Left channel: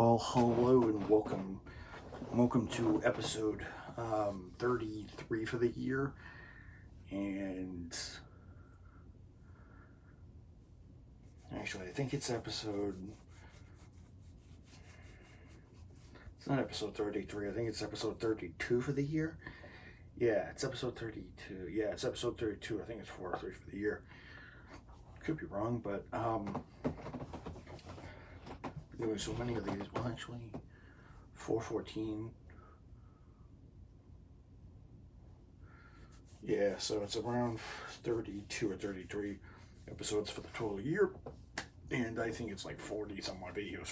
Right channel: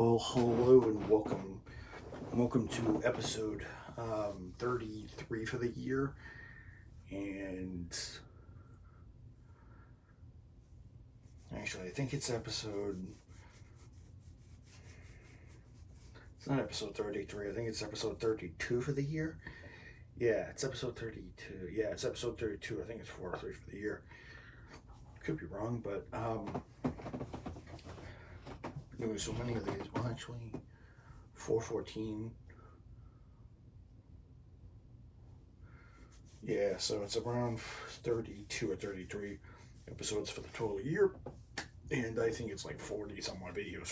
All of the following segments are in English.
Well, hello and welcome. Welcome to episode 33 for the year. And actually, I think it's not episode 33. I think it's episode 32 for the year. Yeah, it's episode 32. Yeah, it's episode 32. I think it's 43 for the year. Could be wrong, but doing so many of these. Well, actually, 414. Yeah, so it's around 32 or 33 episodes for the total year, and I think it's like 40 some odd videos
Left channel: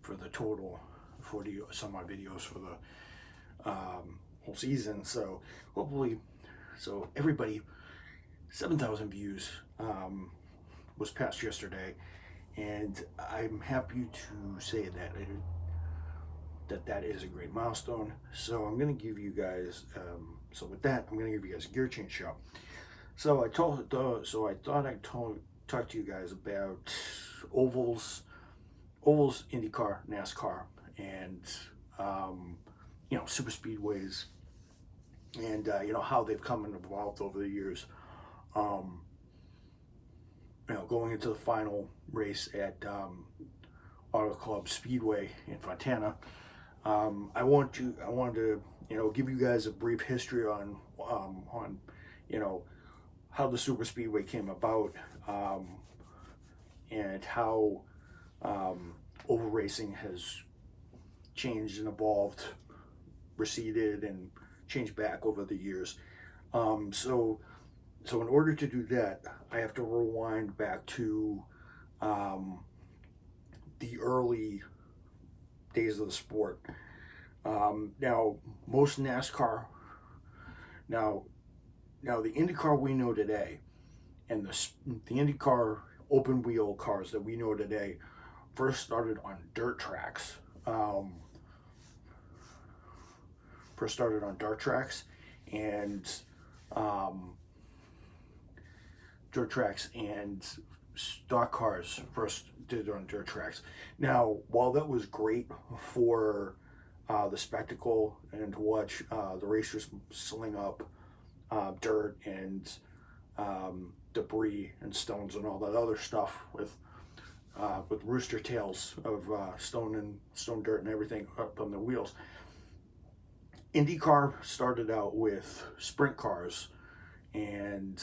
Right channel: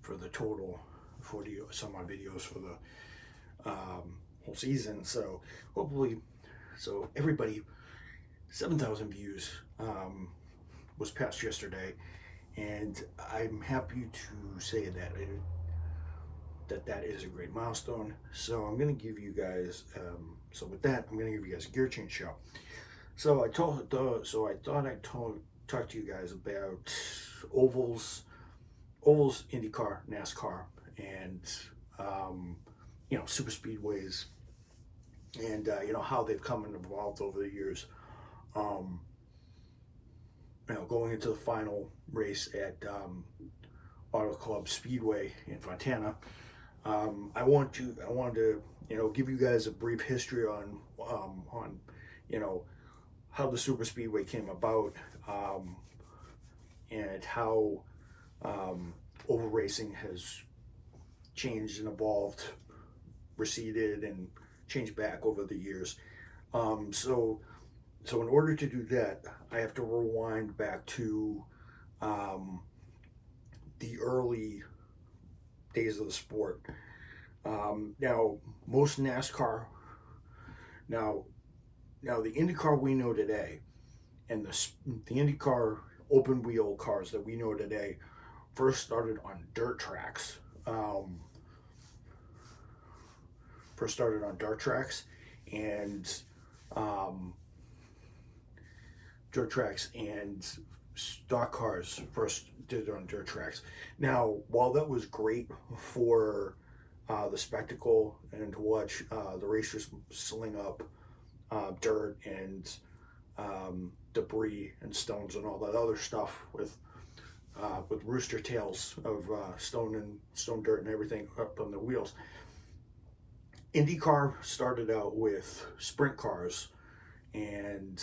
for the total 40 some odd videos for the whole season. So hopefully, everybody, 7,000 views was passed yesterday, and I'm happy to say that is a great milestone. So I'm going to give you guys, I'm going to give you guys a gear change show. So I thought I'd talk to you guys about ovals, INDYCAR, NASCAR, and super speedways, and how they've come and evolved over the years. Going into the final race at Auto Club Speedway in Fontana. I wanted to give you guys a brief history on how the super speedway came about, and how oval racing has changed and evolved, receded and changed back over the years. So in order to do that, I have to rewind back to the early days of the sport. Now, most NASCAR, now the INDYCAR we know today, and the INDYCAR open wheel cars that we know today, first started on dirt tracks. And stock cars first did on dirt tracks. Now, while that was great for the spectacle and to watch the racers sling up dirt and debris and stones and all that other stuff with rooster tails of stone dirt and everything up on the wheels, INDYCAR started out with sprint cars, and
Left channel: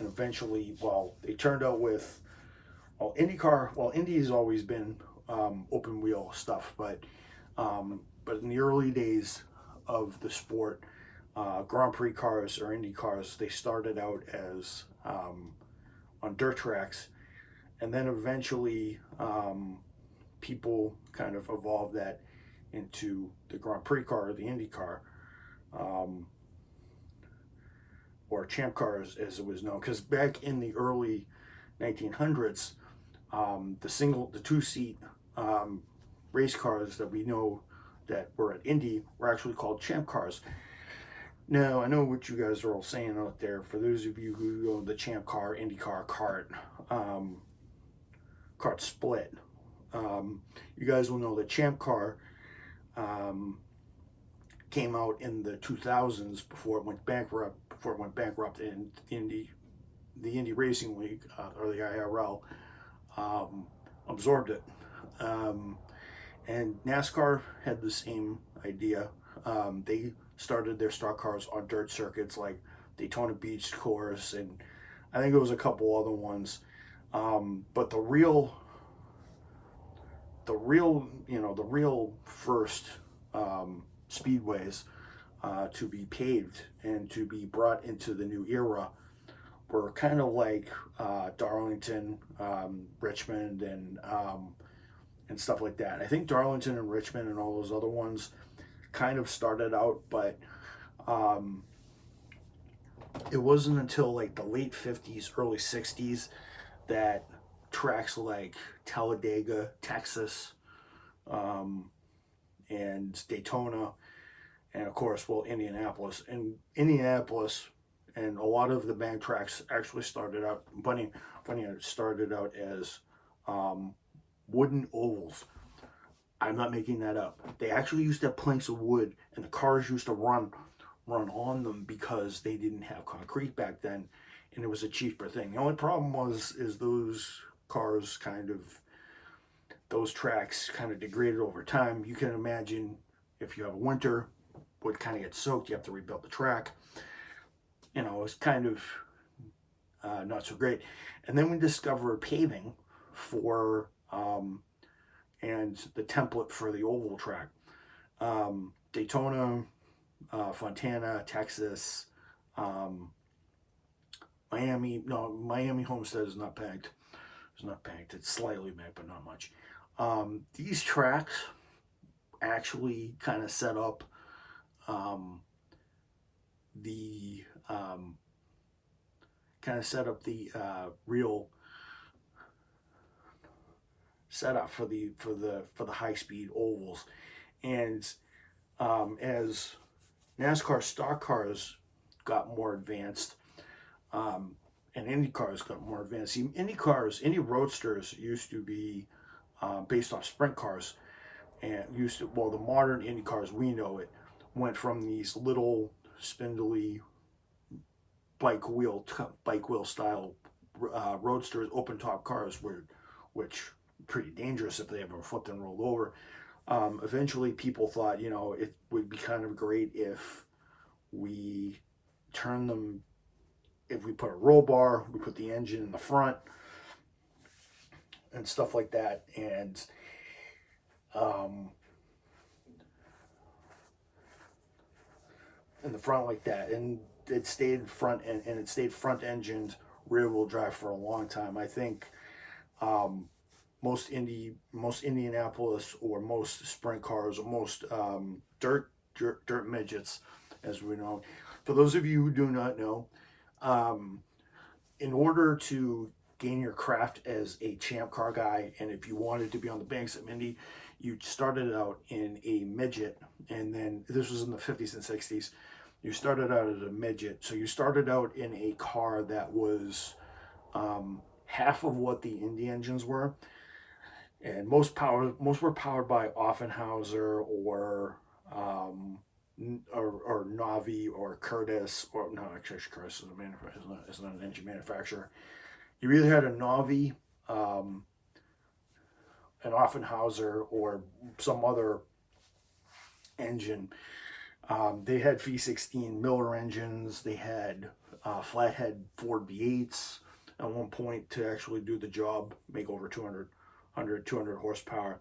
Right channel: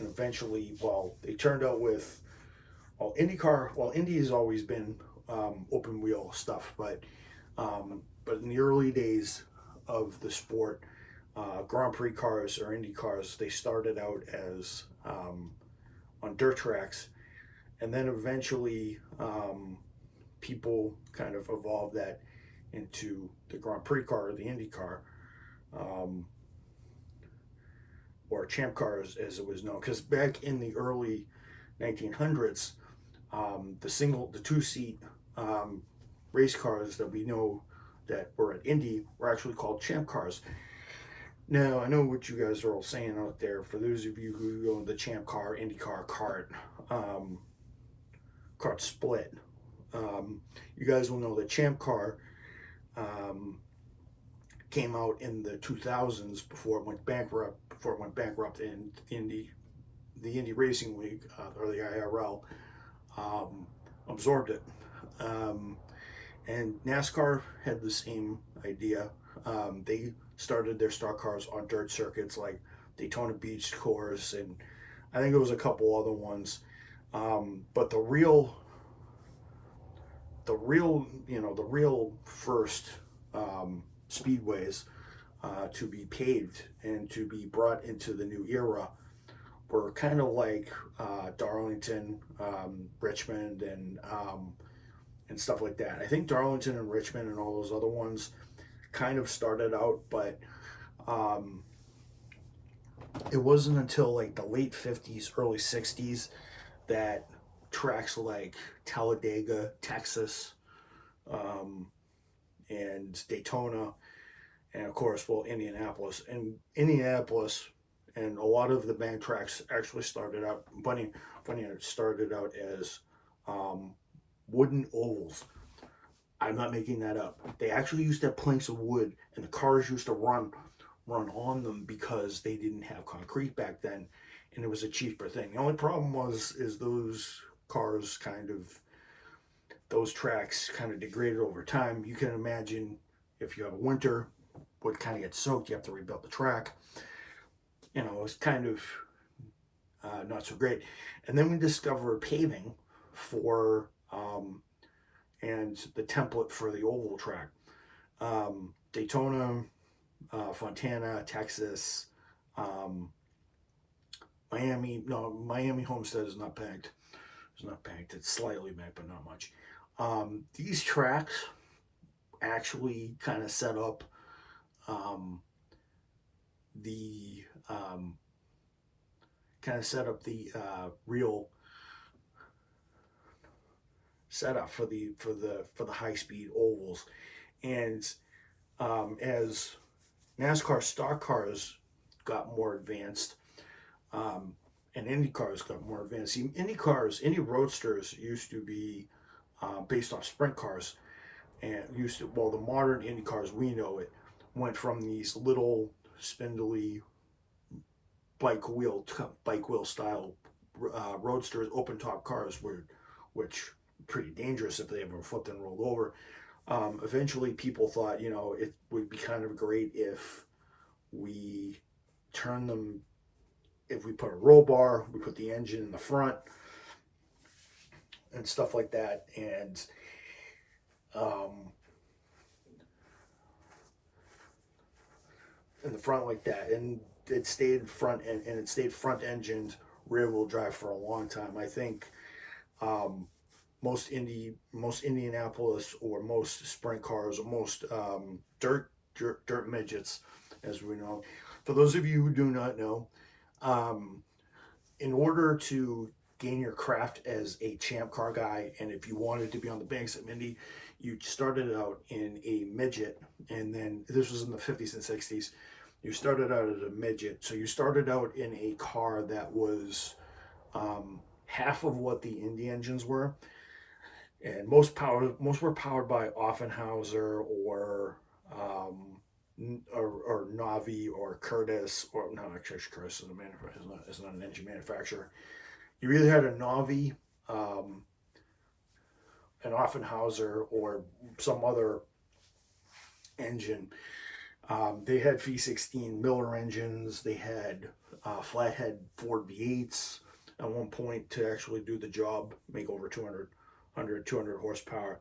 eventually, they turned out with INDYCAR. Indy has always been open wheel stuff, but in the early days of the sport, Grand Prix cars or Indy cars, they started out as on dirt tracks, and then eventually people kind of evolved that into the Grand Prix car or the Indy car. Or champ cars as it was known, because back in the early 1900s, the two-seat race cars that we know that were at Indy were actually called champ cars. Now, I know what you guys are all saying out there. For those of you who go the champ car, INDYCAR kart split, you guys will know the champ car came out in the 2000s before it went bankrupt. In the Indy Racing League, or the IRL, absorbed it. And NASCAR had the same idea. They started their stock cars on dirt circuits like Daytona Beach course, and I think it was a couple other ones. But the real first speedways to be paved and to be brought into the new era were kind of like Darlington, Richmond, and stuff like that. I think Darlington and Richmond and all those other ones kind of started out, but it wasn't until like the late 50s, early 60s that tracks like Talladega, Texas, and Daytona, and of course, Indianapolis. And a lot of the bank tracks actually started out, started out as wooden ovals. I'm not making that up. They actually used to have planks of wood, and the cars used to run on them because they didn't have concrete back then, and it was a cheaper thing. The only problem is those cars those tracks kind of degraded over time. You can imagine if you have a winter, what kind of gets soaked, you have to rebuild the track. You know, it's kind of not so great. And then we discovered paving for and the template for the oval track. Daytona, Fontana, Texas, Miami Homestead is not banked. It's not banked. It's slightly banked, but not much. These tracks actually kind of set up the real setup for the high speed ovals. And as NASCAR stock cars got more advanced, and Indy cars got more advanced. See, Indy roadsters used to be based off sprint cars, and the modern Indy cars we know it went from these little spindly bike wheel style roadsters, open top cars, which pretty dangerous if they ever flipped and rolled over. Eventually, people thought, you know, it would be kind of great if we turn them, if we put a roll bar, we put the engine in the front and stuff like that, and in the front like that, and it stayed front and it stayed front engined rear wheel drive for a long time. I think most Indianapolis or most sprint cars or most dirt midgets, as we know. For those of you who do not know, in order to gain your craft as a champ car guy, and if you wanted to be on the banks of Indy, you started out in a midget, and then this was in the 50s and 60s. You started out as a midget, so you started out in a car that was half of what the Indy engines were, and most were powered by Offenhauser or Navi or Curtis, or no, actually Curtis is not an engine manufacturer. You either had a Navi, an Offenhauser, or some other engine. They had V16 Miller engines. They had flathead Ford V8s at one point to actually do the job, make over 200 horsepower.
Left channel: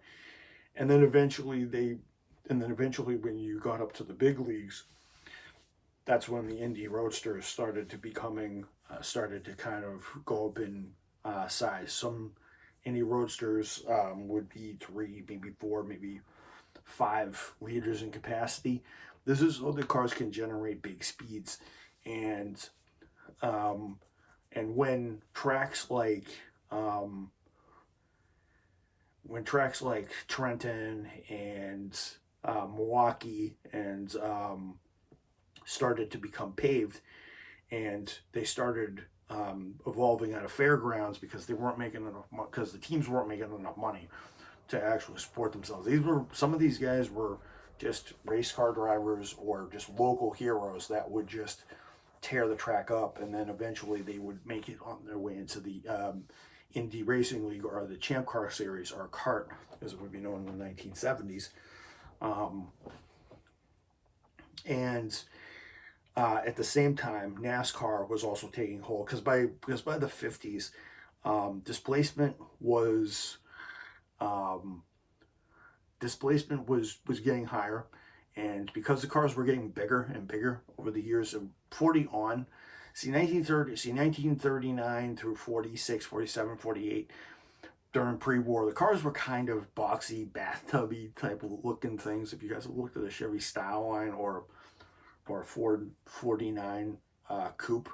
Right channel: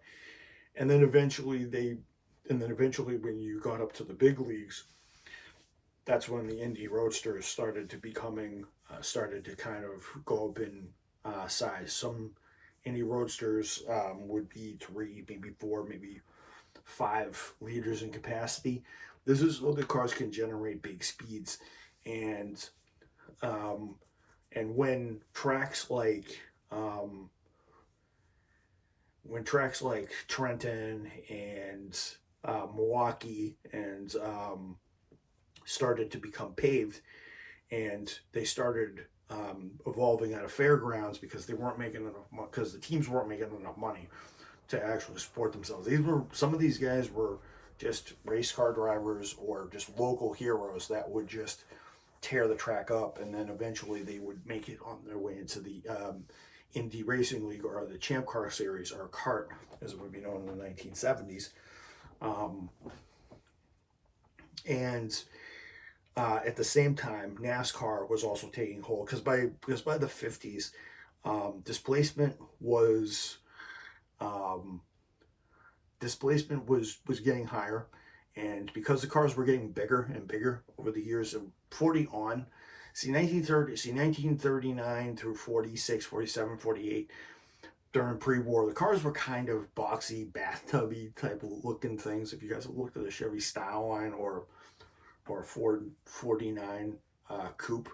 And then eventually when you got up to the big leagues, that's when the Indy Roadsters started to kind of go up in size. Some Indy Roadsters would be 3, maybe 4, maybe 5 liters in capacity. This is so the cars can generate big speeds, and when tracks like Trenton and Milwaukee and started to become paved, and they started evolving out of fairgrounds because they weren't making enough, because the teams weren't making enough money to actually support themselves. Some of these guys were just race car drivers or just local heroes that would just tear the track up, and then eventually they would make it on their way into the Indy Racing League or the Champ Car Series, or CART as it would be known in the 1970s. At the same time, NASCAR was also taking hold, because by the 50s, displacement was getting higher, and because the cars were getting bigger and bigger over the years of 1939 through 46, 47, 48, during pre-war, the cars were kind of boxy, bathtubby type of looking things. If you guys have looked at the Chevy Style Line or Ford 49 Coupe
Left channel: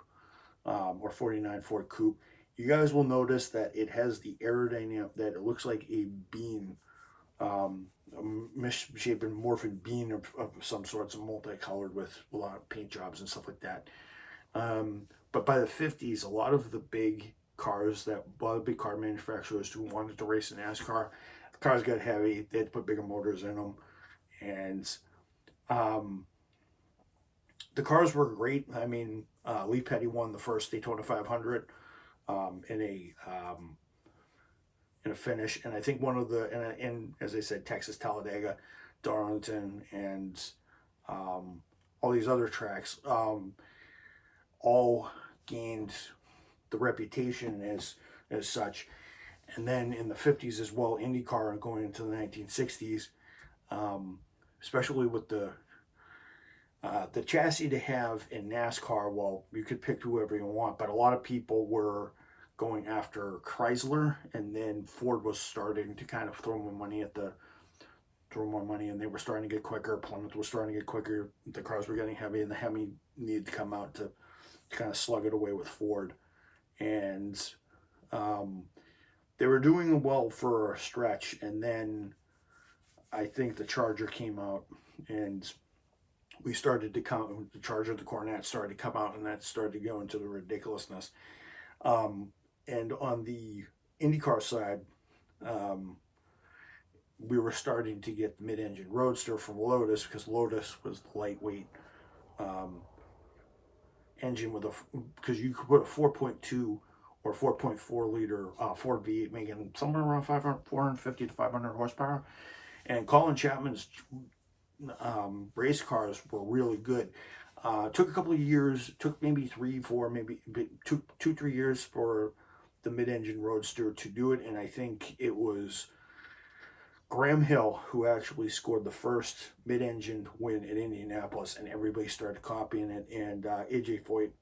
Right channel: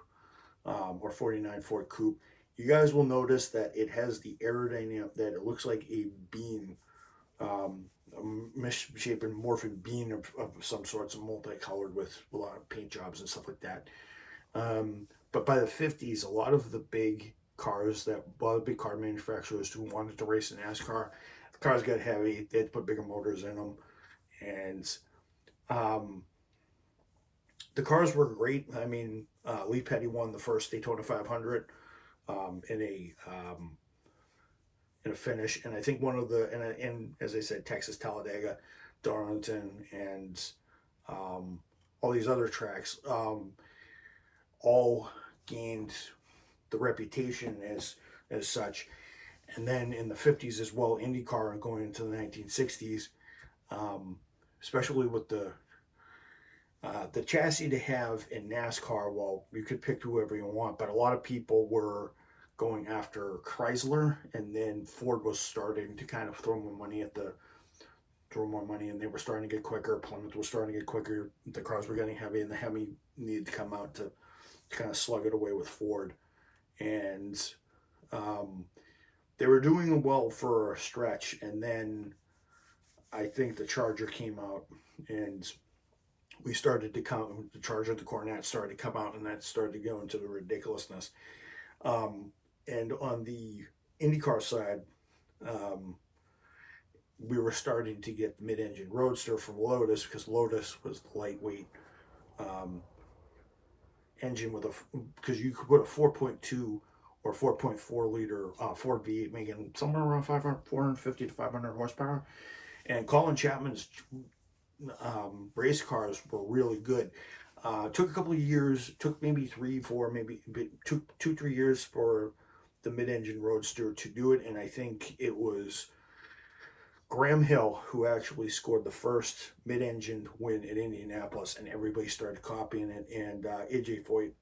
or 49 Ford Coupe, you guys will notice that it has the aerodynamic, that it looks like a bean, a misshapen morphin bean of some sorts, multicolored with a lot of paint jobs and stuff like that. But by the 50s, a lot of the big cars, that a lot of big car manufacturers who wanted to race in NASCAR. The cars got heavy. They had to put bigger motors in them, and the cars were great. I mean, Lee Petty won the first Daytona 500 in a finish, and I think one of the and as I said, Texas Talladega, Darlington, and all these other tracks all gained the reputation as such. And then in the 50s as well, INDYCAR, and going into the 1960s, especially with the chassis to have in NASCAR. Well, you could pick whoever you want, but a lot of people were going after Chrysler, and then Ford was starting to kind of throw more money, and they were starting to get quicker. Plymouth was starting to get quicker. The cars were getting heavy, and the Hemi needed to come out to kind of slug it away with Ford. And they were doing well for a stretch, and then I think the Charger came out, and we started to come, the Charger, the Cornet started to come out, and that started to go into the ridiculousness. And on the IndyCar side, we were starting to get the mid-engine Roadster from Lotus, because Lotus was the lightweight engine with because you could put a 4.2 or 4.4 liter Ford V8 making somewhere around 450 to 500 horsepower. And Colin Chapman's race cars were really good. Took a couple of years, took maybe 3 years for the mid-engine Roadster to do it, and I think it was Graham Hill who actually scored the first mid-engine win at Indianapolis, and everybody started copying it. And AJ Foyt,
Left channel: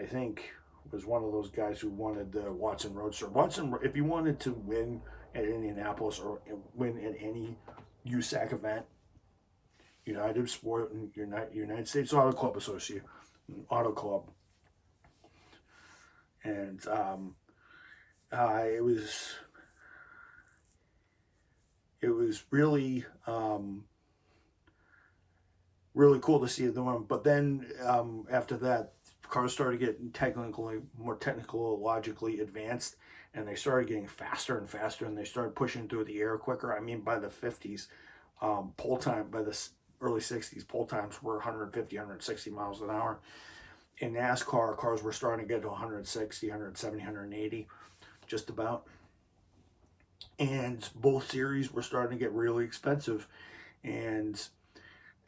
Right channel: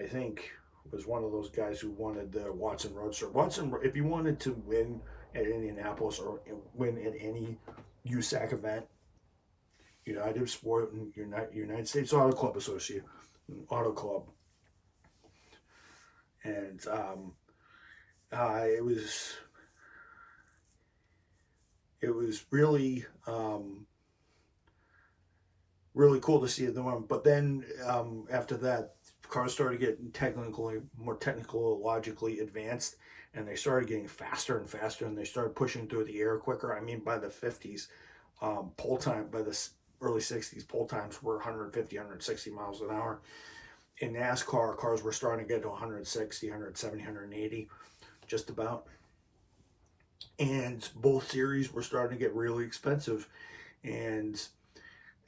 I think was one of those guys who wanted the Watson Roadster. Watson, if you wanted to win at Indianapolis or win at any USAC event, United Sport and United States Auto Club Association, Auto Club, and it was really really cool to see them. But then after that, cars started getting more technologically advanced, and they started getting faster and faster, and they started pushing through the air quicker. I mean, by the 50s, pole time, by the early 60s, pole times were 150, 160 miles an hour. In NASCAR, cars were starting to get to 160, 170, 180, just about. And both series were starting to get really expensive. And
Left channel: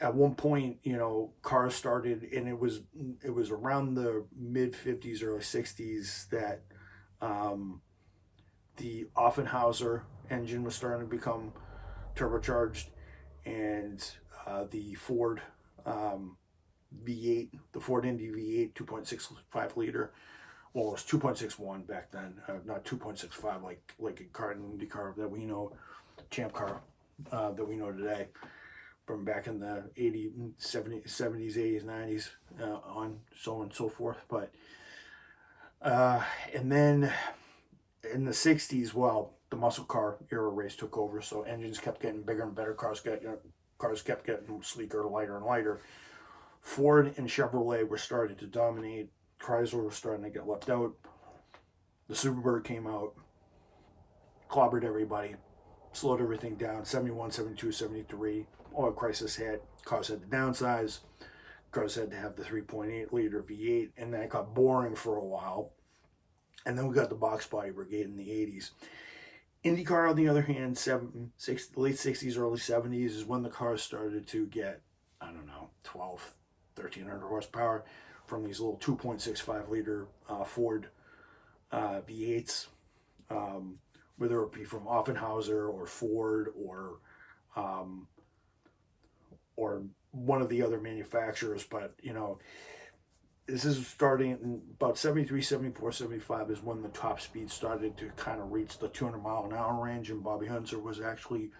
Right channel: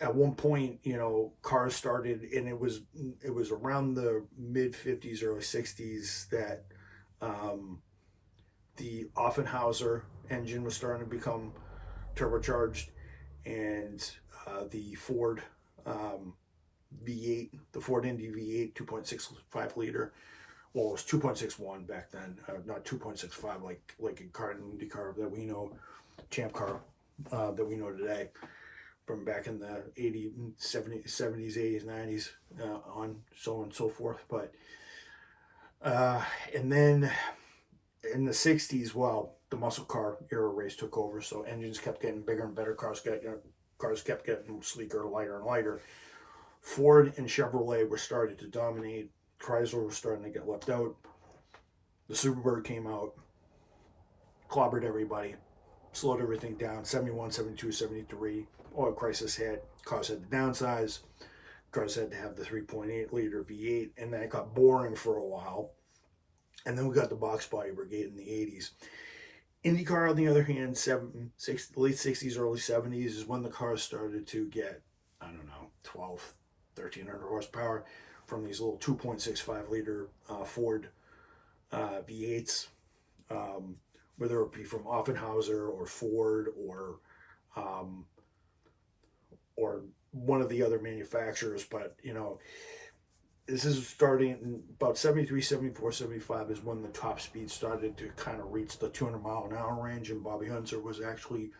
at one point, cars started, and it was around the mid 50s, early 60s that the Offenhauser engine was starting to become turbocharged, and the Ford V8, the Ford Indy V8 2.65 liter. Well, it was 2.61 back then, not 2.65 like a car in IndyCar that we know, Champ Car that we know today, from back in the 70s, 80s, 90s, on so on and so forth. But and then in the 60s, well, the muscle car era race took over, so engines kept getting bigger and better. Cars kept getting sleeker, lighter and lighter. Ford and Chevrolet were starting to dominate. Chrysler was starting to get left out. The Superbird came out, clobbered everybody, slowed everything down. 71, 72, 73, oil crisis hit. Cars had to downsize. Cars had to have the 3.8 liter V8, and that got boring for a while. And then we got the box body brigade in the 80s. IndyCar, on the other hand, late 60s, early 70s is when the cars started to get, 1,300 horsepower from these little 2.65 liter Ford V8s, whether it be from Offenhauser or Ford or one of the other manufacturers. But this is starting in about 73, 74, 75 is when the top speed started to kind of reach the 200 mile an hour range, and Bobby Hunter was actually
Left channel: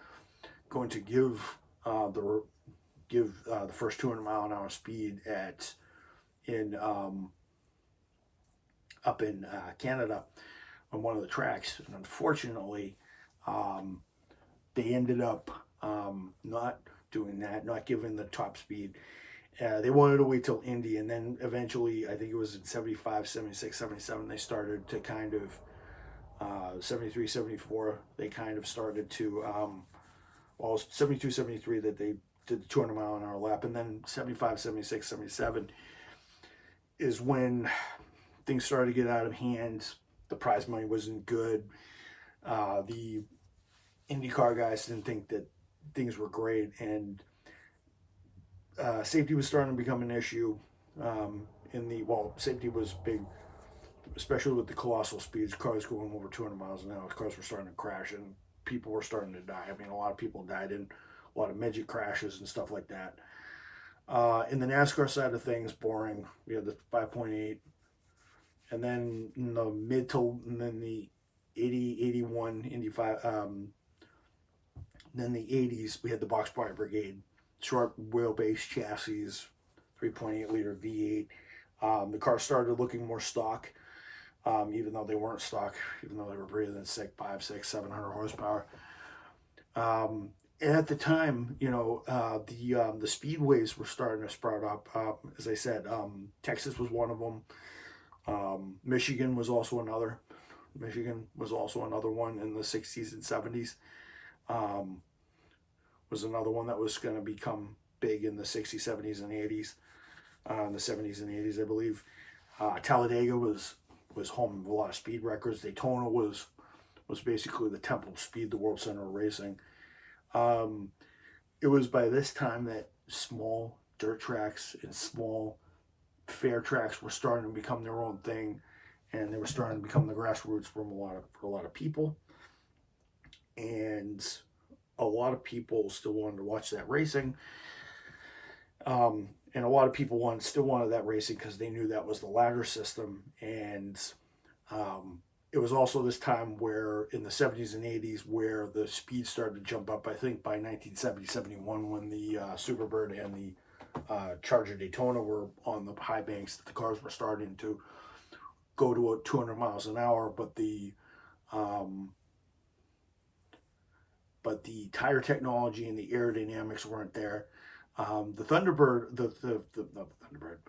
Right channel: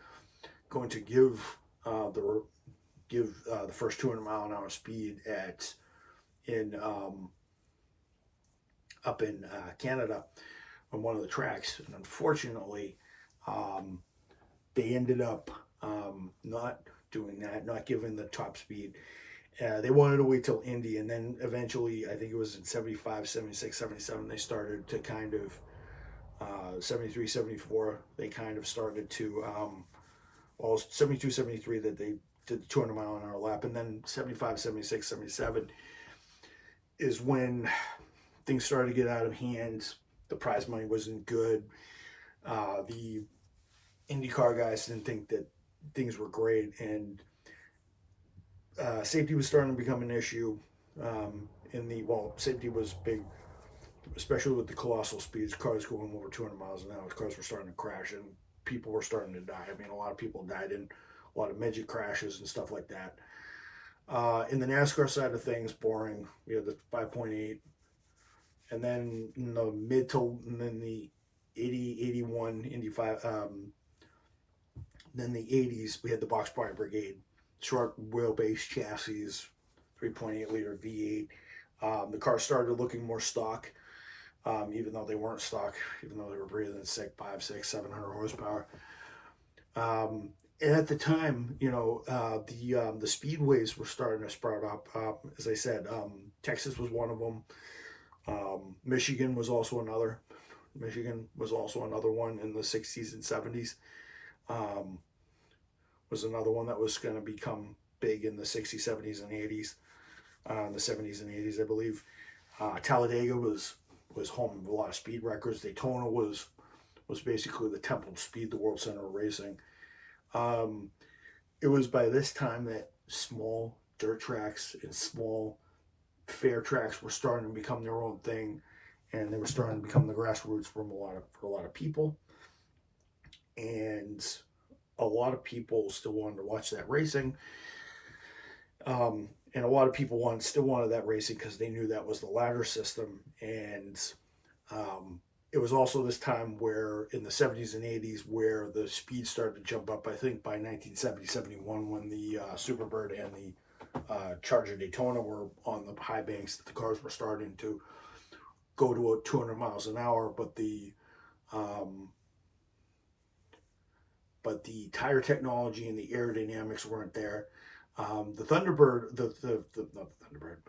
going to give the first 200 mile an hour speed up in Canada on one of the tracks. And unfortunately, they ended up not doing that, not giving the top speed. They wanted to wait till Indy, and then eventually, I think it was in 75, 76, 77, they started to kind of, 73, 74, they kind of started to, well, 72, 73 that they did the 200-mile-an-hour lap, and then 75, 76, 77 is when things started to get out of hand. The prize money wasn't good. The INDYCAR guys didn't think that things were great, and safety was starting to become an issue. Safety was big, especially with the colossal speeds. Cars going over 200 miles an hour. Cars were starting to crash, and people were starting to die. I mean, a lot of people died in a lot of midget crashes and stuff like that. In the NASCAR side of things, boring. We had the 5.8, and then in the and then the 80, 81, 85. Then the 80s, we had the box body brigade, short wheelbase chassis, 3.8 liter V8. The car started looking more stock, even though they weren't stock, even though they were breathing 5, 6, 700 horsepower. And at the time, you know, the speedways were starting to sprout up. As I said, Texas was one of them. Michigan was also another. Michigan was also another one in the 60s and 70s. Was another one that was going to become big in the 60s, 70s, and 80s. In the 70s and 80s, I believe. Talladega was home of a lot of speed records. Daytona was basically the temple of speed, the World Center of Racing. It was by this time that small dirt tracks and small fair tracks were starting to become their own thing, and they were starting to become the grassroots for a lot of people. And a lot of people still wanted to watch that racing. And a lot of people still wanted that racing because they knew that was the ladder system. And it was also this time where in the 70s and 80s where the speed started to jump up. I think by 1970, 71, when the Superbird and the Charger Daytona were on the high banks, the cars were starting to go to 200 miles an hour, but the tire technology and the aerodynamics weren't there. The Thunderbird, not the Thunderbird,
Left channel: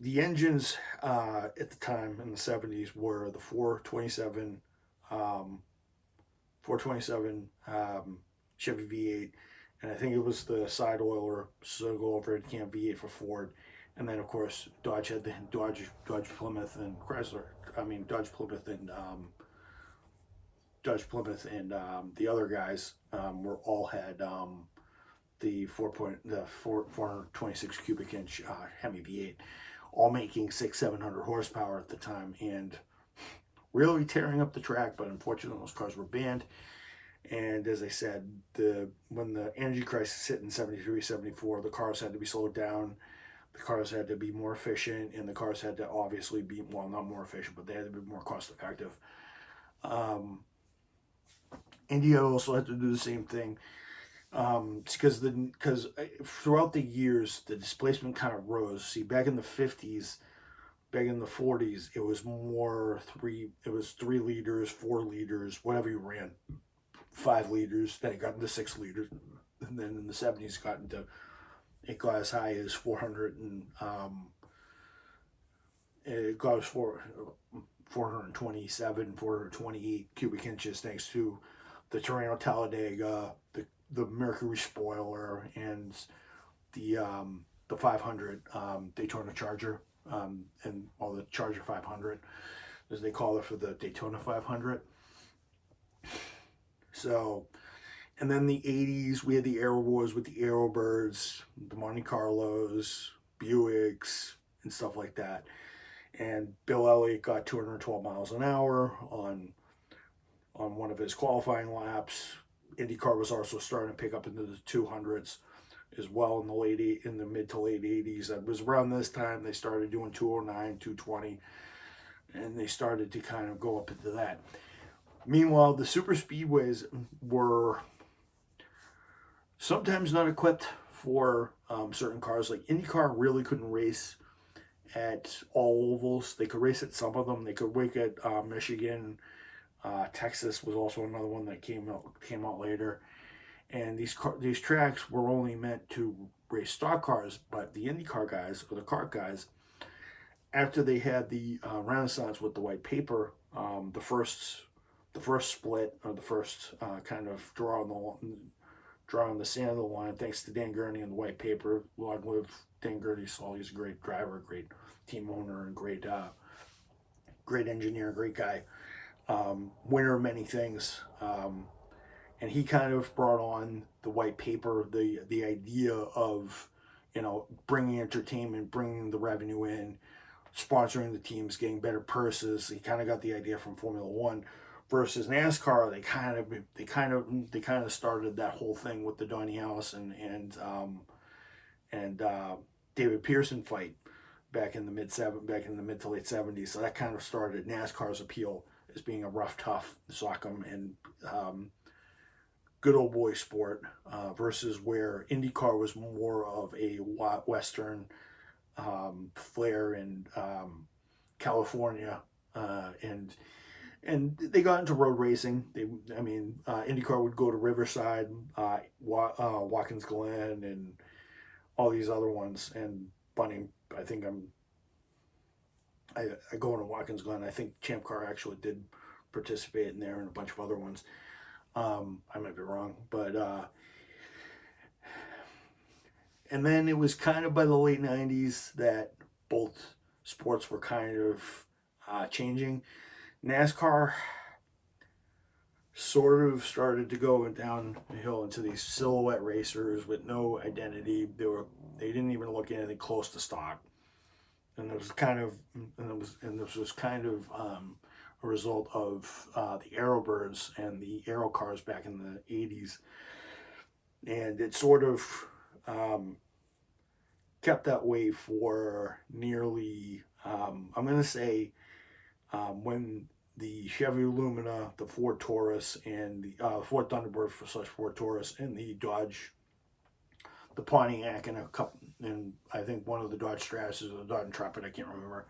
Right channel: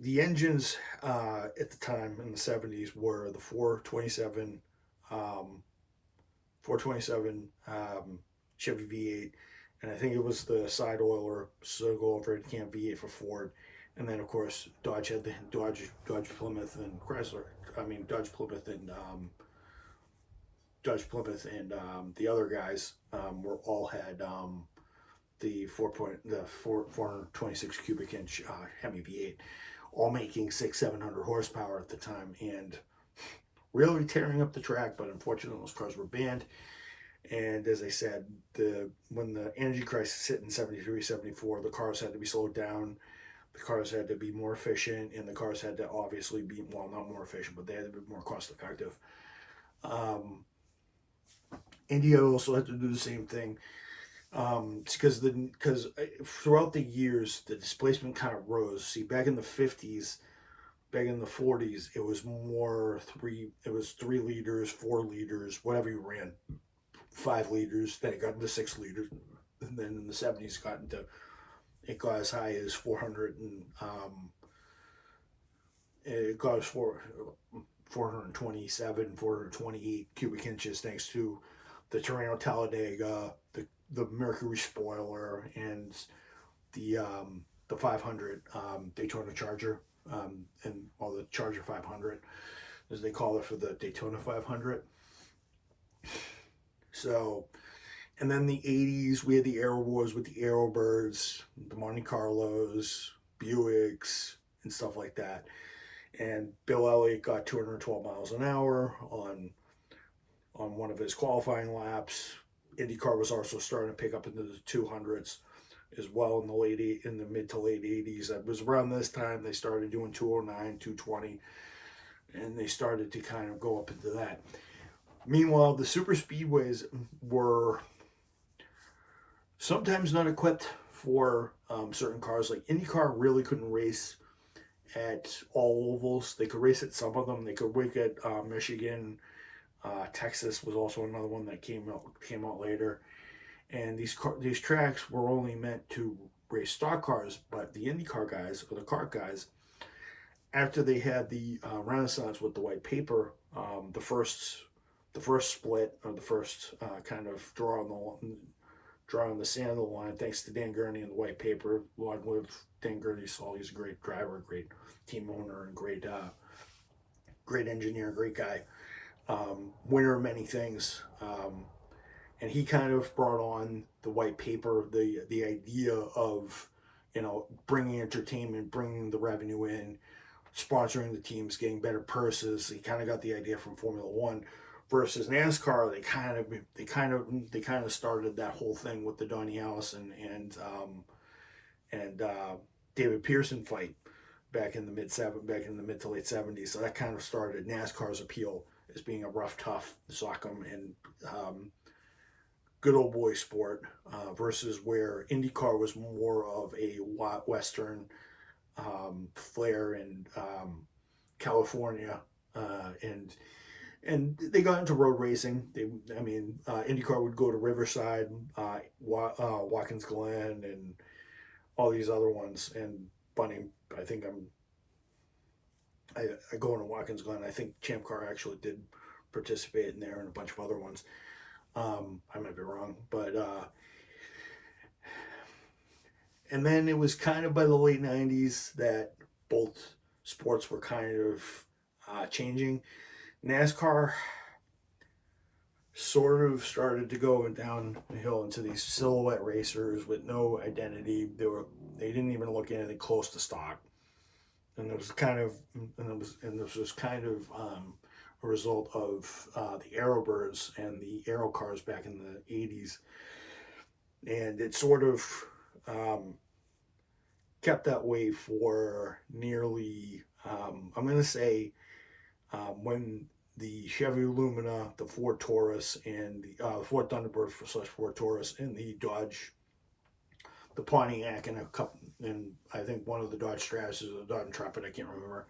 the engines at the time in the 70s were the 427 Chevy V8, and I think it was the side oiler single overhead cam V8 for Ford, and then of course Dodge had the Dodge Plymouth and Chrysler. I mean Dodge Plymouth and the other guys were all had the 426 cubic inch Hemi V8, all making 600-700 horsepower at the time, and really tearing up the track. But unfortunately, those cars were banned. And as I said, when the energy crisis hit in 73, 74, the cars had to be slowed down. The cars had to be more efficient, and the cars had to obviously be, well, not more efficient, but they had to be more cost effective. India also had to do the same thing, because throughout the years the displacement kind of rose. See, back in the 50s, back in the 40s, it was 3 liters, 4 liters, whatever you ran, 5 liters. Then it got into 6 liters, and then in the 70s it got as high as 400 and it got as 427, 428 cubic inches, thanks to the Torino Talladega, the Mercury spoiler, and the 500 Daytona Charger, the Charger 500, as they call it for the Daytona 500. So, and then the 80s, we had the Aero Wars with the Aerobirds, the Monte Carlos, Buicks, and stuff like that. And Bill Elliott got 212 miles an hour on one of his qualifying laps. IndyCar was also starting to pick up into the 200s as well in the mid to late 80s. It was around this time they started doing 209, 220, and they started to kind of go up into that. Meanwhile, the super speedways were sometimes not equipped for certain cars. Like IndyCar really couldn't race at all ovals. They could race at some of them. They could race at Michigan, Texas was also another one that came out later. And these tracks were only meant to race stock cars, but the IndyCar guys, or the kart guys, after they had the renaissance with the white paper, the first split, or the first kind of draw on the sand of the line, thanks to Dan Gurney and the white paper. Long live Dan Gurney. So he's a great driver, great team owner, and great engineer, great guy, winner of many things. And he kind of brought on the white paper, the idea of, bringing entertainment, bringing the revenue in, sponsoring the teams, getting better purses. He kind of got the idea from Formula One. Versus NASCAR, they kind of started that whole thing with the Donnie Allison and David Pearson fight back in the mid to late 70s. So that kind of started NASCAR's appeal as being a rough, tough, sock 'em and good old boy sport, versus where IndyCar was more of a Western flair in California, and they got into road racing. IndyCar would go to Riverside, Watkins Glen, and all these other ones. And funny, I go into Watkins Glen. I think Champ Car actually did participate in there, and a bunch of other ones. I might be wrong, but and then it was kind of by the late 90s that both sports were kind of changing. NASCAR sort of started to go downhill into these silhouette racers with no identity. They didn't even look anything close to stock, and this was kind of a result of the Aerobirds and the Aero cars back in the 80s, and it sort of kept that way for nearly, I'm going to say, when the Chevy Lumina, the Ford Taurus, and the Ford Thunderbird / Ford Taurus, and the Dodge, the Pontiac, and I think one of the Dodge Stratus or the Dodge Intrepid, I can't remember,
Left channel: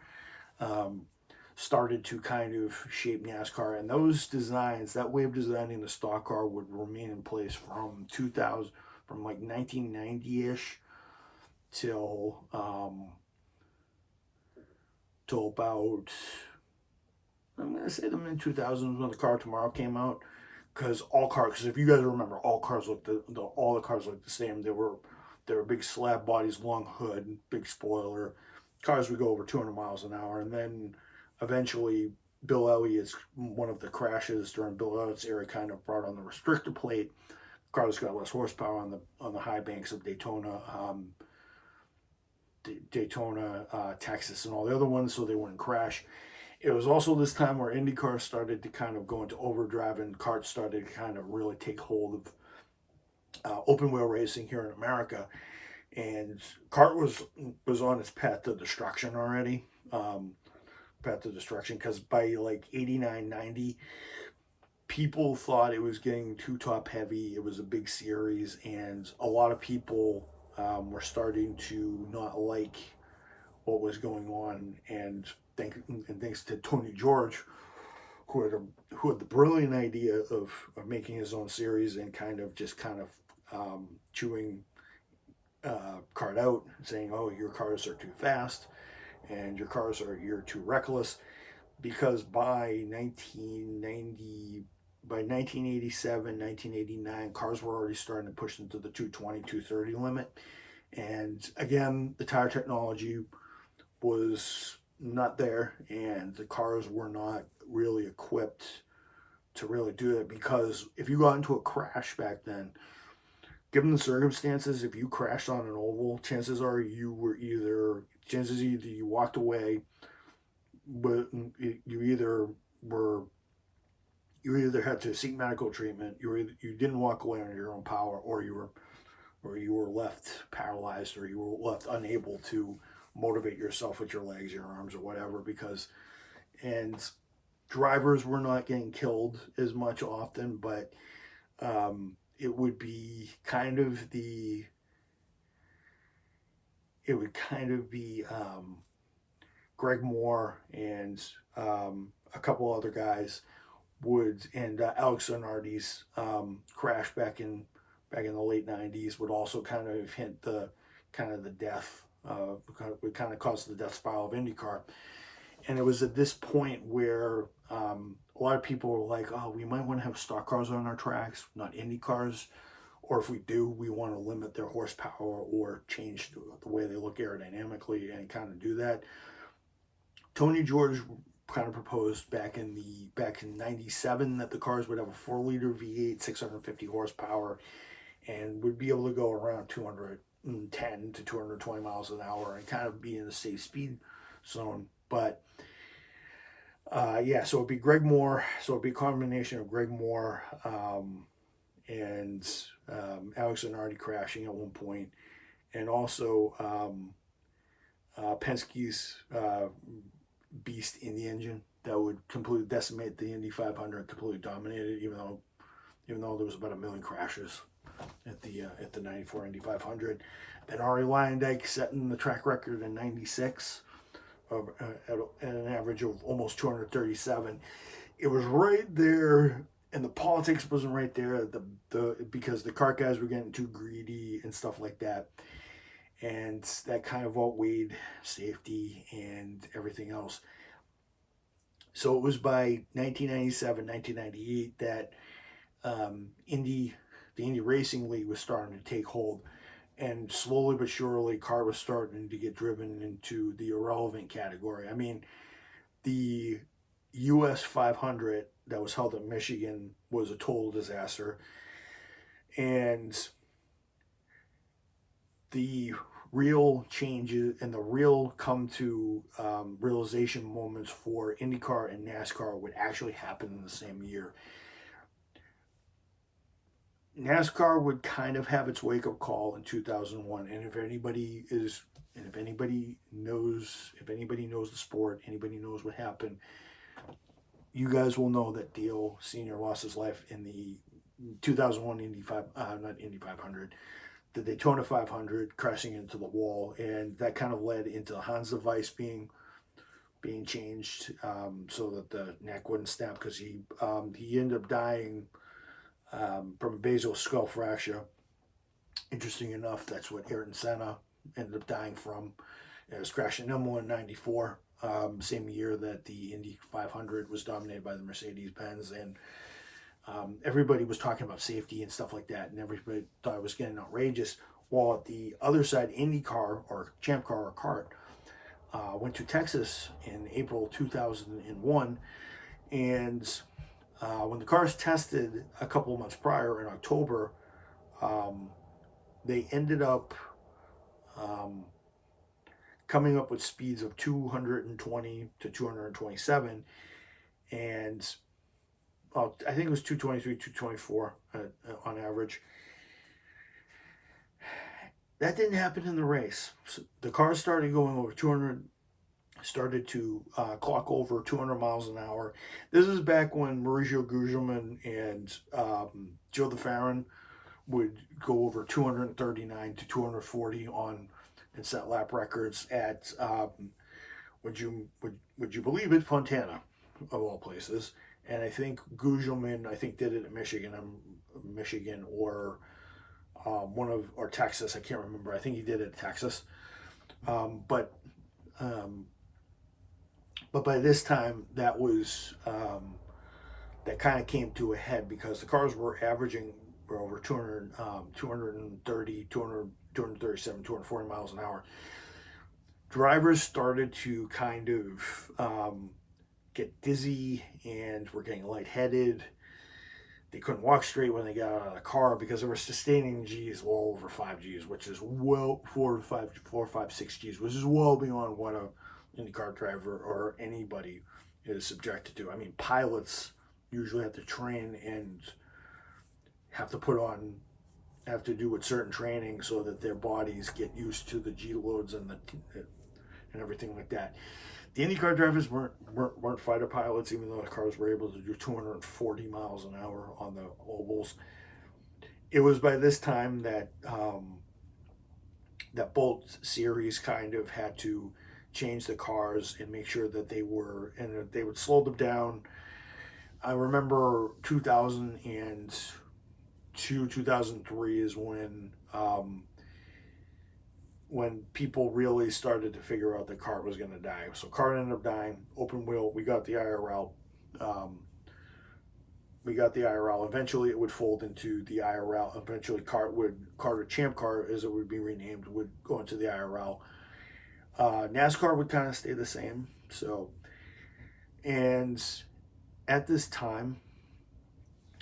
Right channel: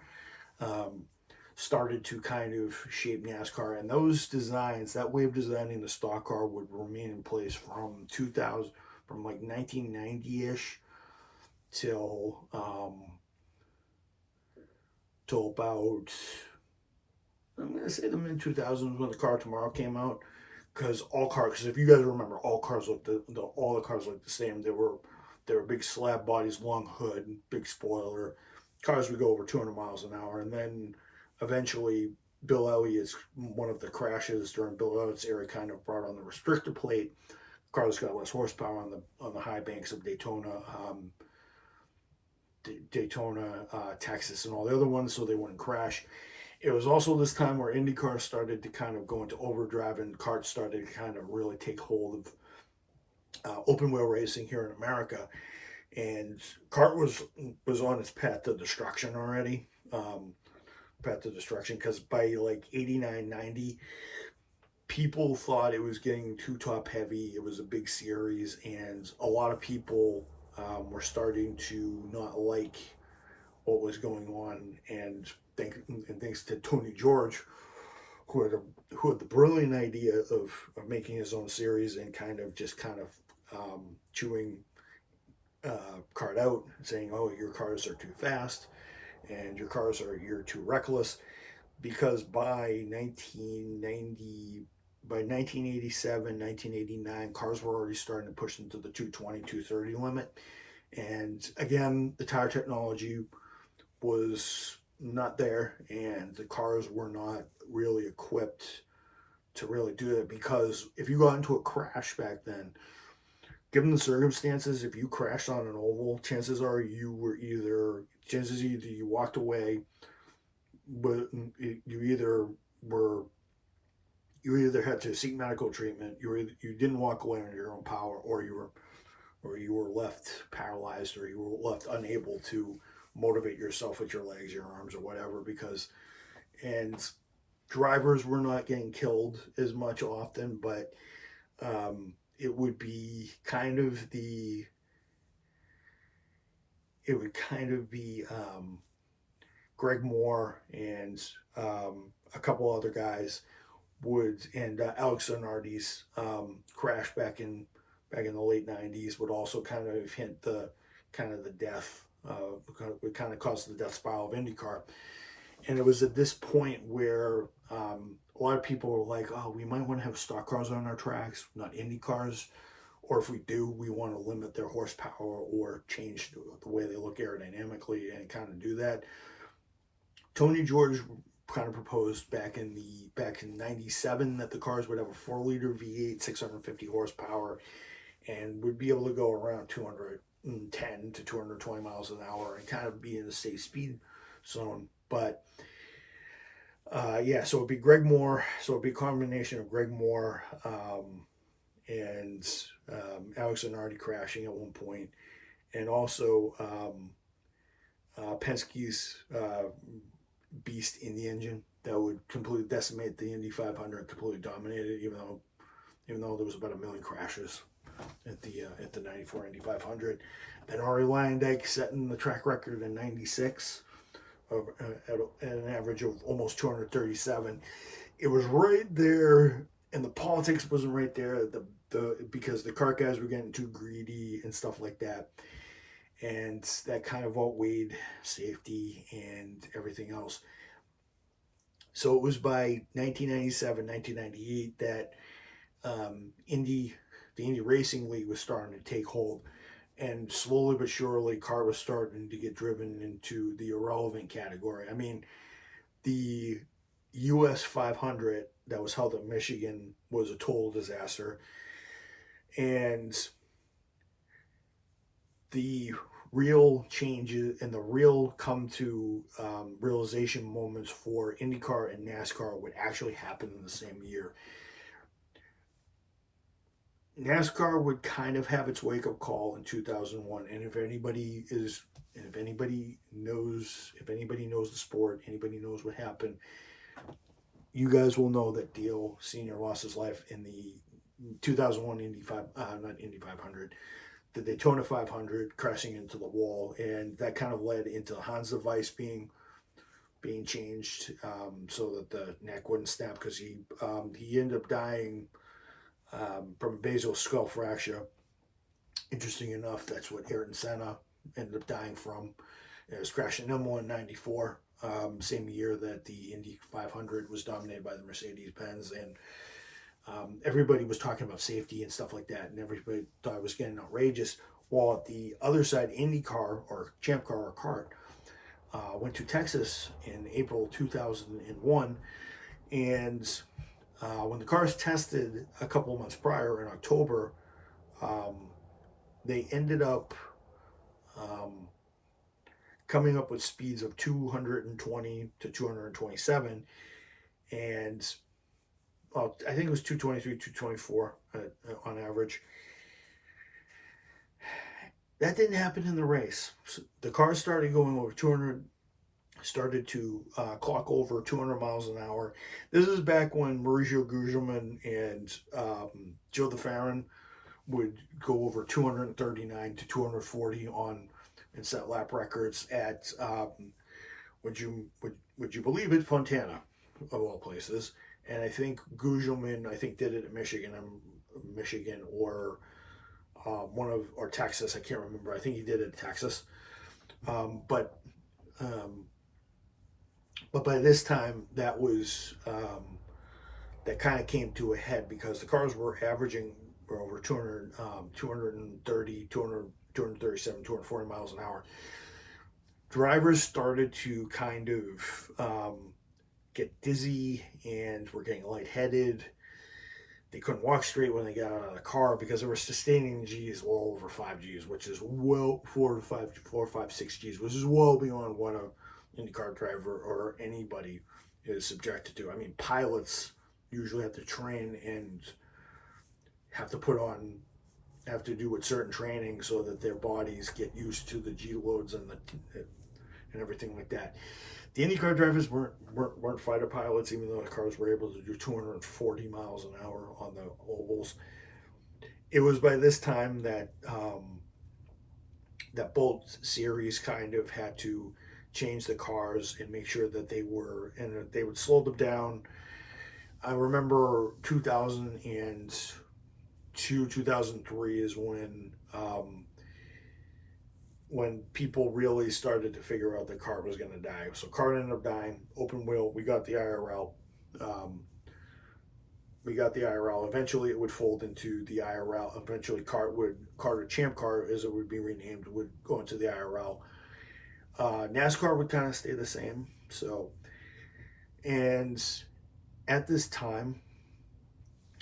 started to kind of shape NASCAR. And those designs, that way of designing the stock car, would remain in place from 2000, from like 1990-ish till about, I'm going to say the mid-2000s, when the Car Tomorrow came out. Because if you guys remember, all the cars looked the same. They were big slab bodies, long hood, big spoiler. Cars would go over 200 miles an hour. And then eventually, Bill Elliott's, one of the crashes during Bill Elliott's era, kind of brought on the restrictor plate. Cars got less horsepower on the high banks of Daytona, Texas, and all the other ones, so they wouldn't crash. It was also this time where IndyCar started to kind of go into overdrive, and karts started to kind of really take hold of open wheel racing here in America. And kart was on its path to destruction already. Because by like 89, 90, people thought it was getting too top heavy. It was a big series, and a lot of people were starting to not like what was going on. And thanks to Tony George, who had the brilliant idea of making his own series and kind of chewing kart out, saying, "Oh, your cars are too fast, and you're too reckless," because by 1987, 1989, cars were already starting to push into the 220, 230 limit. And again, the tire technology was not there, and the cars were not really equipped to really do it. Because if you got into a crash back then, given the circumstances, if you crashed on an oval, chances are you walked away, but you either had to seek medical treatment, you didn't walk away on your own power, or you were left paralyzed, or you were left unable to motivate yourself with your legs, your arms, or whatever. And drivers were not getting killed as much often, but it would kind of be Greg Moore and a couple other guys Alex Zanardi's crash back in the late '90s would also kind of hint the death, would kind of cause the death spiral of IndyCar. And it was at this point where a lot of people were like, "Oh, we might want to have stock cars on our tracks, not Indy cars, or if we do, we want to limit their horsepower or change the way they look aerodynamically and kind of do that." Tony George kind of proposed back in '97 that the cars would have a 4-liter V8, 650 horsepower, and would be able to go around 210 to 220 miles an hour and kind of be in the safe speed zone. But so it'd be Greg Moore. So it'd be a combination of Greg Moore and Alex Zanardi crashing at one point, and also Penske's beast in the engine that would completely decimate the Indy 500, completely dominate it, even though there was about 1 million crashes at the '94 Indy 500. Then Arie Luyendyk setting the track record in '96 at an average of almost 237. It was right there, and the politics wasn't right there. Because the kart guys were getting too greedy and stuff like that, and that kind of outweighed safety and everything else. So it was by 1997, 1998 that the Indy Racing League was starting to take hold, and slowly but surely, kart was starting to get driven into the irrelevant category. I mean, the US 500 that was held in Michigan was a total disaster, and the real changes and the real come to realization moments for IndyCar and NASCAR would actually happen in the same year. NASCAR would kind of have its wake-up call in 2001, and if anybody knows the sport, anybody knows what happened, you guys will know that Dale Sr. lost his life in the 2001 the Daytona 500, crashing into the wall, and that kind of led into Hans device being changed so that the neck wouldn't snap, because he ended up dying from a basal skull fracture. Interesting enough, that's what Ayrton Senna ended up dying from. It was crashing Imola in '94, same year that the Indy 500 was dominated by the Mercedes-Benz, and everybody was talking about safety and stuff like that, and everybody thought it was getting outrageous. While at the other side, IndyCar or Champ Car or Kart went to Texas in April 2001, and when the cars tested a couple of months prior in October, they ended up coming up with speeds of 220 to 227, and I think it was 223, 224 on average. That didn't happen in the race. So the cars started going over 200, started to clock over 200 miles an hour. This is back when Mauricio Gugelmin and Joe DeFerrin would go over 239 to 240 and set lap records at would you believe it, Fontana, of all places. And I think Gugelmin, did it at Michigan or or Texas. I can't remember. I think he did it at Texas. But by this time, that was that kind of came to a head, because the cars were averaging over 200, 230, 200, 237, 240 miles an hour. Drivers started to kind of get dizzy and were getting lightheaded. They couldn't walk straight when they got out of the car, because they were sustaining G's well over 5 G's, which is 4, 5, 6 G's, which is well beyond what a IndyCar driver or anybody is subjected to. I mean, pilots usually have to train and have to do with certain training so that their bodies get used to the G loads and everything like that. The IndyCar drivers weren't fighter pilots, even though the cars were able to do 240 miles an hour on the ovals. It was by this time that that both series kind of had to change the cars and make sure that they would slow them down, I remember 2002, 2003 is when people really started to figure out the car was going to die. So car ended up dying, open wheel. We got the IRL. Eventually, it would fold into the IRL. Eventually, Carter Champ Car, as it would be renamed, would go into the IRL. NASCAR would kind of stay the same. So, and at this time,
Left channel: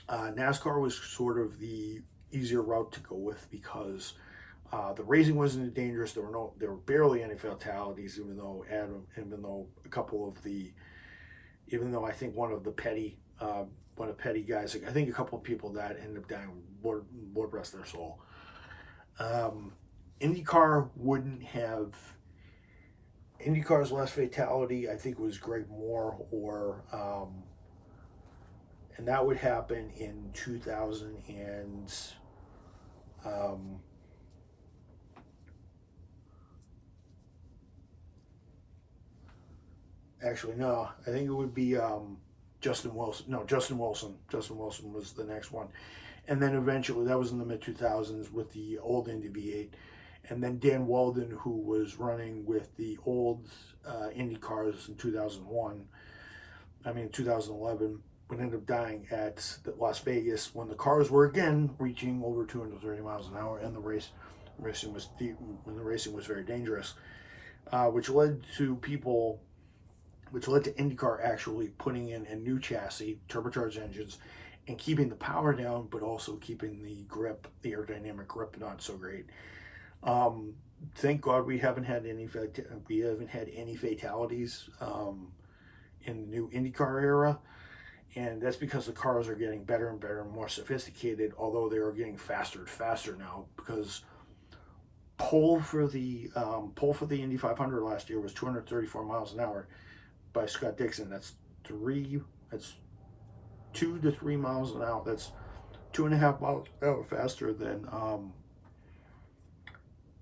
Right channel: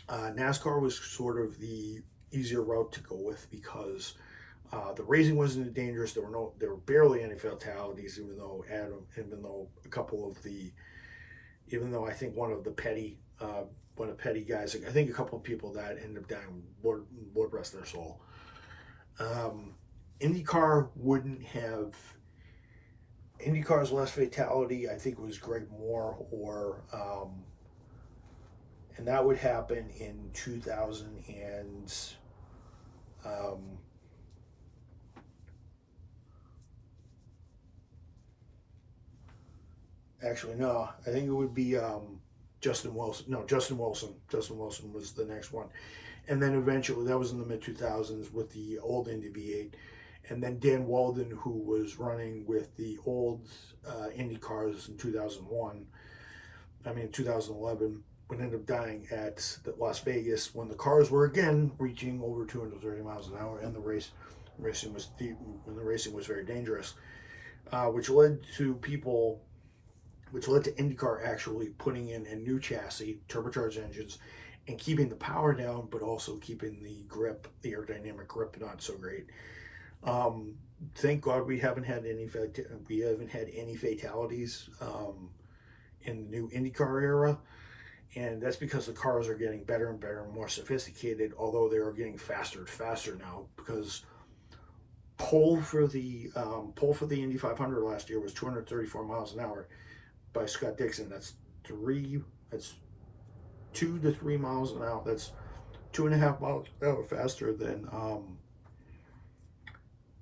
NASCAR was sort of the easier route to go with because the racing wasn't dangerous. There were barely any fatalities, even though I think one of the petty guys, I think a couple of people that ended up dying, Lord rest their soul. IndyCar's last fatality, I think, was Greg Moore, and that would happen in 2000 and actually no, I think it would be Justin Wilson. No, Justin Wilson. Justin Wilson was the next one, and then eventually that was in the mid 2000s with the old Indy V8. And then Dan Weldon, who was running with the old Indy cars in 2011, would end up dying at Las Vegas when the cars were again reaching over 230 miles an hour, and the racing was very dangerous, which led to IndyCar actually putting in a new chassis, turbocharged engines, and keeping the power down, but also keeping the grip, the aerodynamic grip, not so great. Thank God we haven't had any fatalities in the new IndyCar era, and that's because the cars are getting better and better and more sophisticated. Although they are getting faster and faster now, because pole for the Indy 500 last year was 234 miles an hour by Scott Dixon. That's 2 to 3 miles an hour. That's 2.5 miles an hour faster than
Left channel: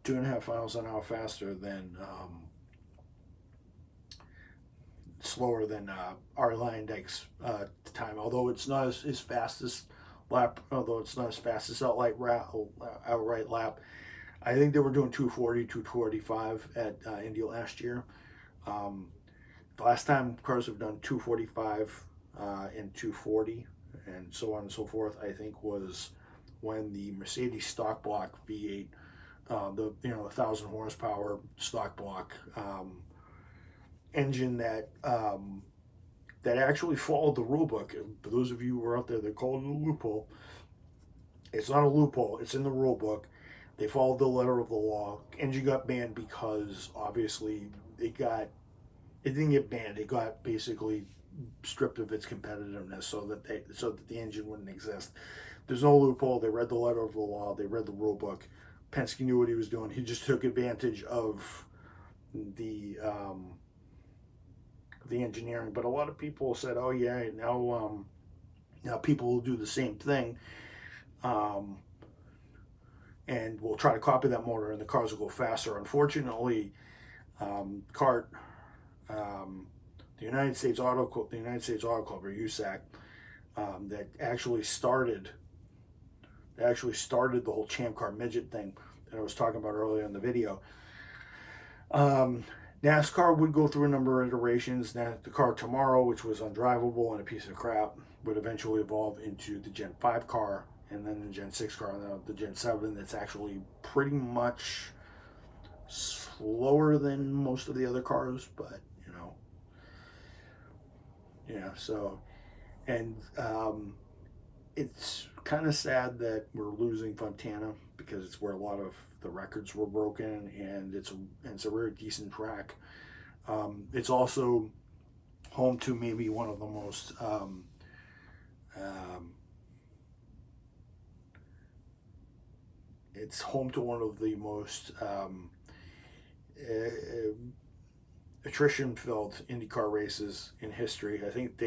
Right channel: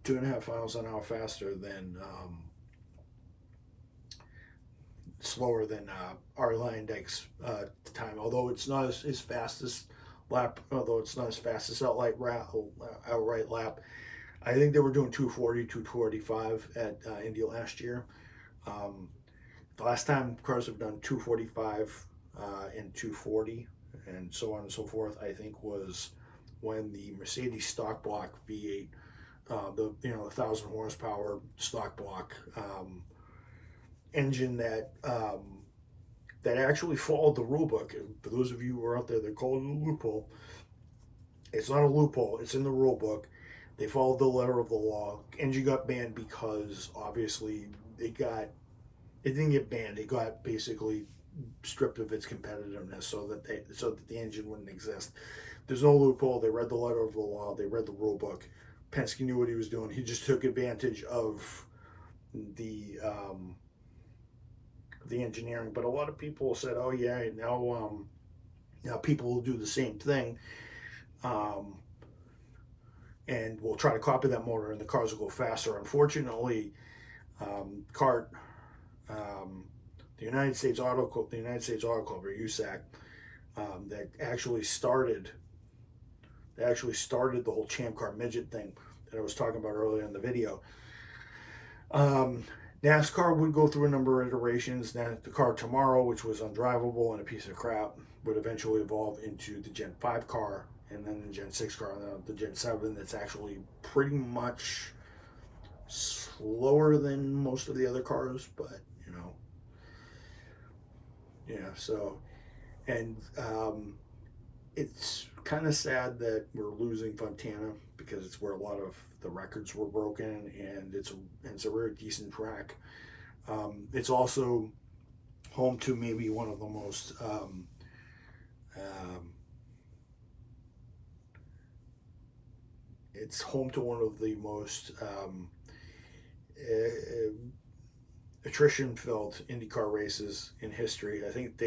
2.5 miles an hour faster than slower than Arie Luyendyk's time. Although it's not as fast as outright lap. I think they were doing 240, 245 at Indy last year. The last time cars have done 245 and 240 and so on and so forth, I think, was when the Mercedes stock block V8, the 1,000 horsepower stock block engine that actually followed the rule book. For those of you who are out there that call it a loophole, it's not a loophole. It's in the rule book. They followed the letter of the law. Engine got banned because obviously it didn't get banned. It got basically stripped of its competitiveness so that the engine wouldn't exist. There's no loophole. They read the letter of the law. They read the rule book. Penske knew what he was doing. He just took advantage of the engineering. But a lot of people said, "Oh yeah, now people will do the same thing, and we'll try to copy that motor, and the cars will go faster." Unfortunately, the United States Auto Club, or USAC, that actually started the whole Champ Car midget thing that I was talking about earlier in the video. NASCAR would go through a number of iterations. The car tomorrow, which was undrivable and a piece of crap, would eventually evolve into the Gen 5 car, and then the Gen 6 car, and then the Gen 7 that's actually pretty much slower than most of the other cars, but yeah, so, and it's kind of sad that we're losing Fontana because it's where a lot of the records were broken, and it's a very decent track. It's also home to maybe one of the most it's home to one of the most attrition-filled IndyCar races in history. I think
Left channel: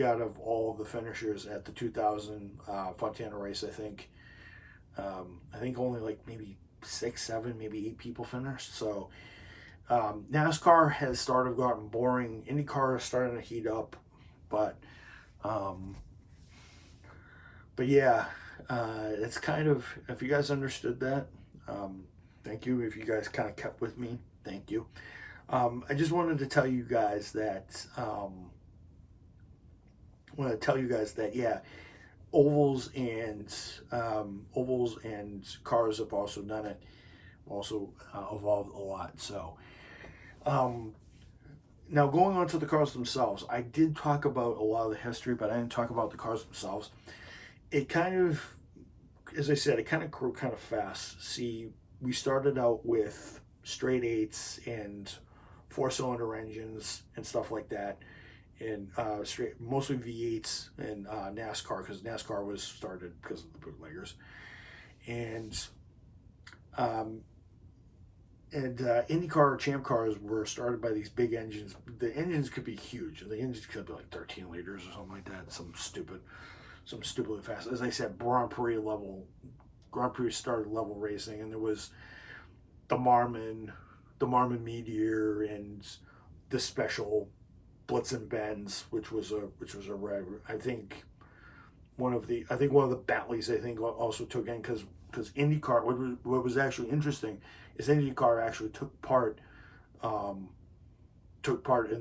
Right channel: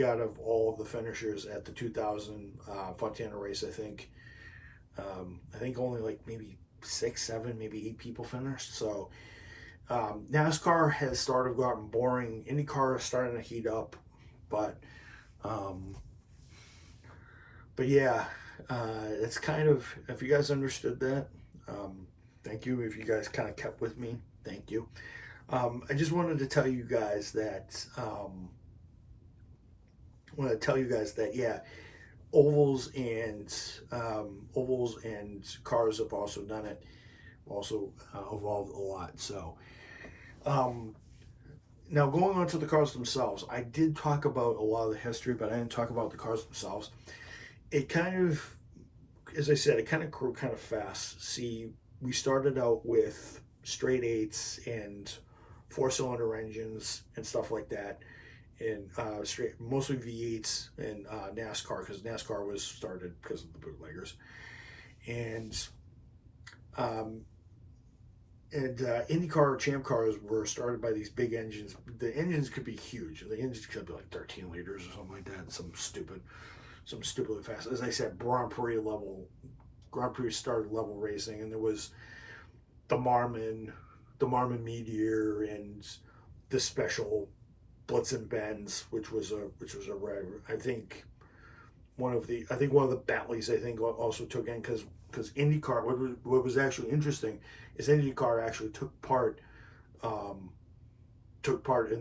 out of all of the finishers at the 2000 Fontana race, I think only like maybe 6, 7, maybe 8 people finished. So NASCAR has started gotten boring. IndyCar is starting to heat up. But yeah, it's kind of, if you guys understood that, thank you. If you guys kind of kept with me, thank you. I just wanted to tell you guys that, yeah, ovals and cars have also done it, also evolved a lot. So now going on to the cars themselves, I did talk about a lot of the history, but I didn't talk about the cars themselves. It kind of, as I said, it kind of grew kind of fast. See, we started out with straight eights and 4-cylinder engines and stuff like that, and mostly V8s and NASCAR, because NASCAR was started because of the bootleggers, and INDYCAR Champ cars were started by these big engines. The engines could be huge. The engines could be like 13 liters or something like that. Some stupidly fast. As I said, Grand Prix started level racing, and there was the Marmon Meteor, and the special Blitz and Benz, which was a red. I think one of the Bentleys also took in, because IndyCar. What was actually interesting is IndyCar actually took part in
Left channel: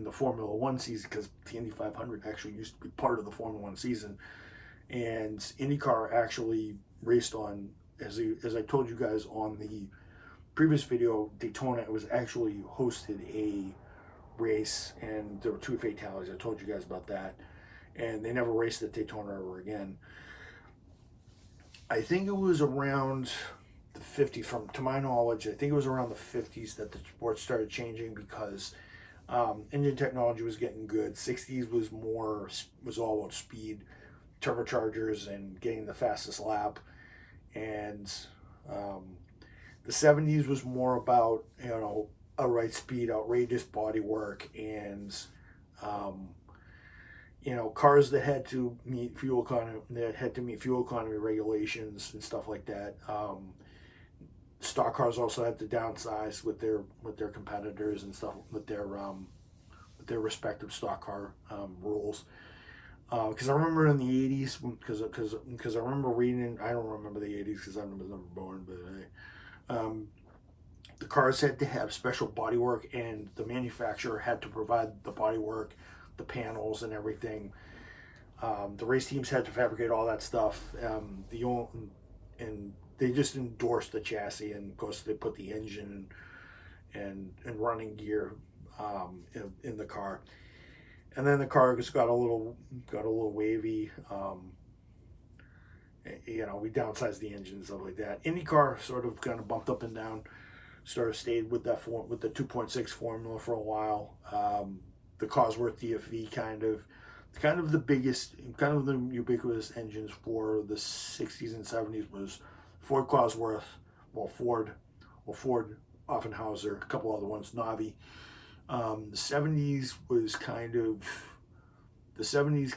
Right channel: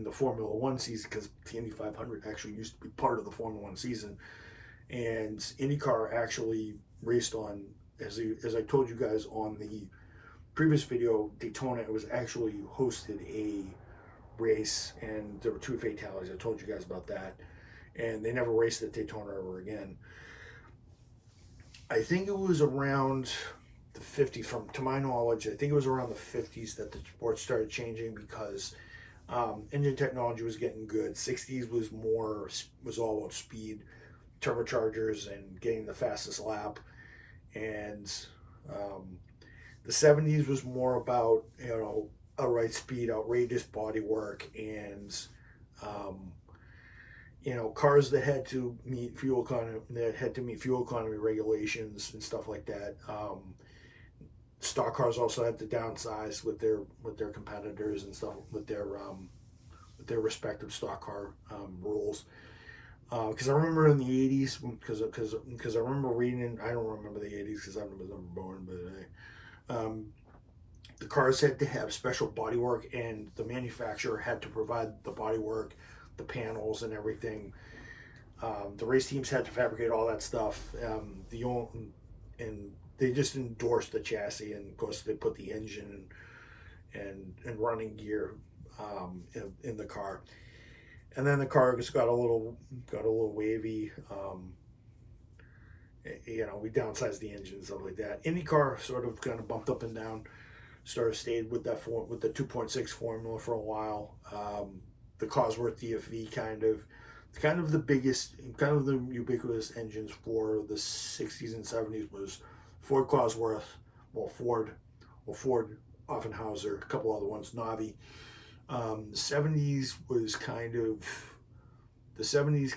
the Formula One season, because the Indy 500 actually used to be part of the Formula One season, and IndyCar actually raced on, as I told you guys on the previous video, Daytona. It was actually hosted a race, and there were 2 fatalities. I told you guys about that, and they never raced at Daytona ever again. I think it was around the 50s, to my knowledge, I think it was around the 50s that the sport started changing, because engine technology was getting good. 60s was all about speed, turbochargers, and getting the fastest lap, and the 70s was more about, outright speed, outrageous bodywork, and cars that had to meet fuel economy regulations and stuff like that. Stock cars also had to downsize with their competitors and stuff, with their respective stock car rules. Because I remember in the 80s, because I remember reading, I don't remember the 80s because I was never born, but the cars had to have special bodywork, and the manufacturer had to provide the bodywork, the panels, and everything. The race teams had to fabricate all that stuff. And they just endorsed the chassis, and of course they put the engine and running gear in the car. And then the car just got a little wavy. We downsized the engine and stuff like that. IndyCar sort of kind of bumped up and down. Sort of stayed with the 2.6 formula for a while. The Cosworth DFV kind of the biggest, kind of the ubiquitous engines for the 60s and 70s was Ford Cosworth, Ford Offenhauser, a couple other ones, Navi. The 70s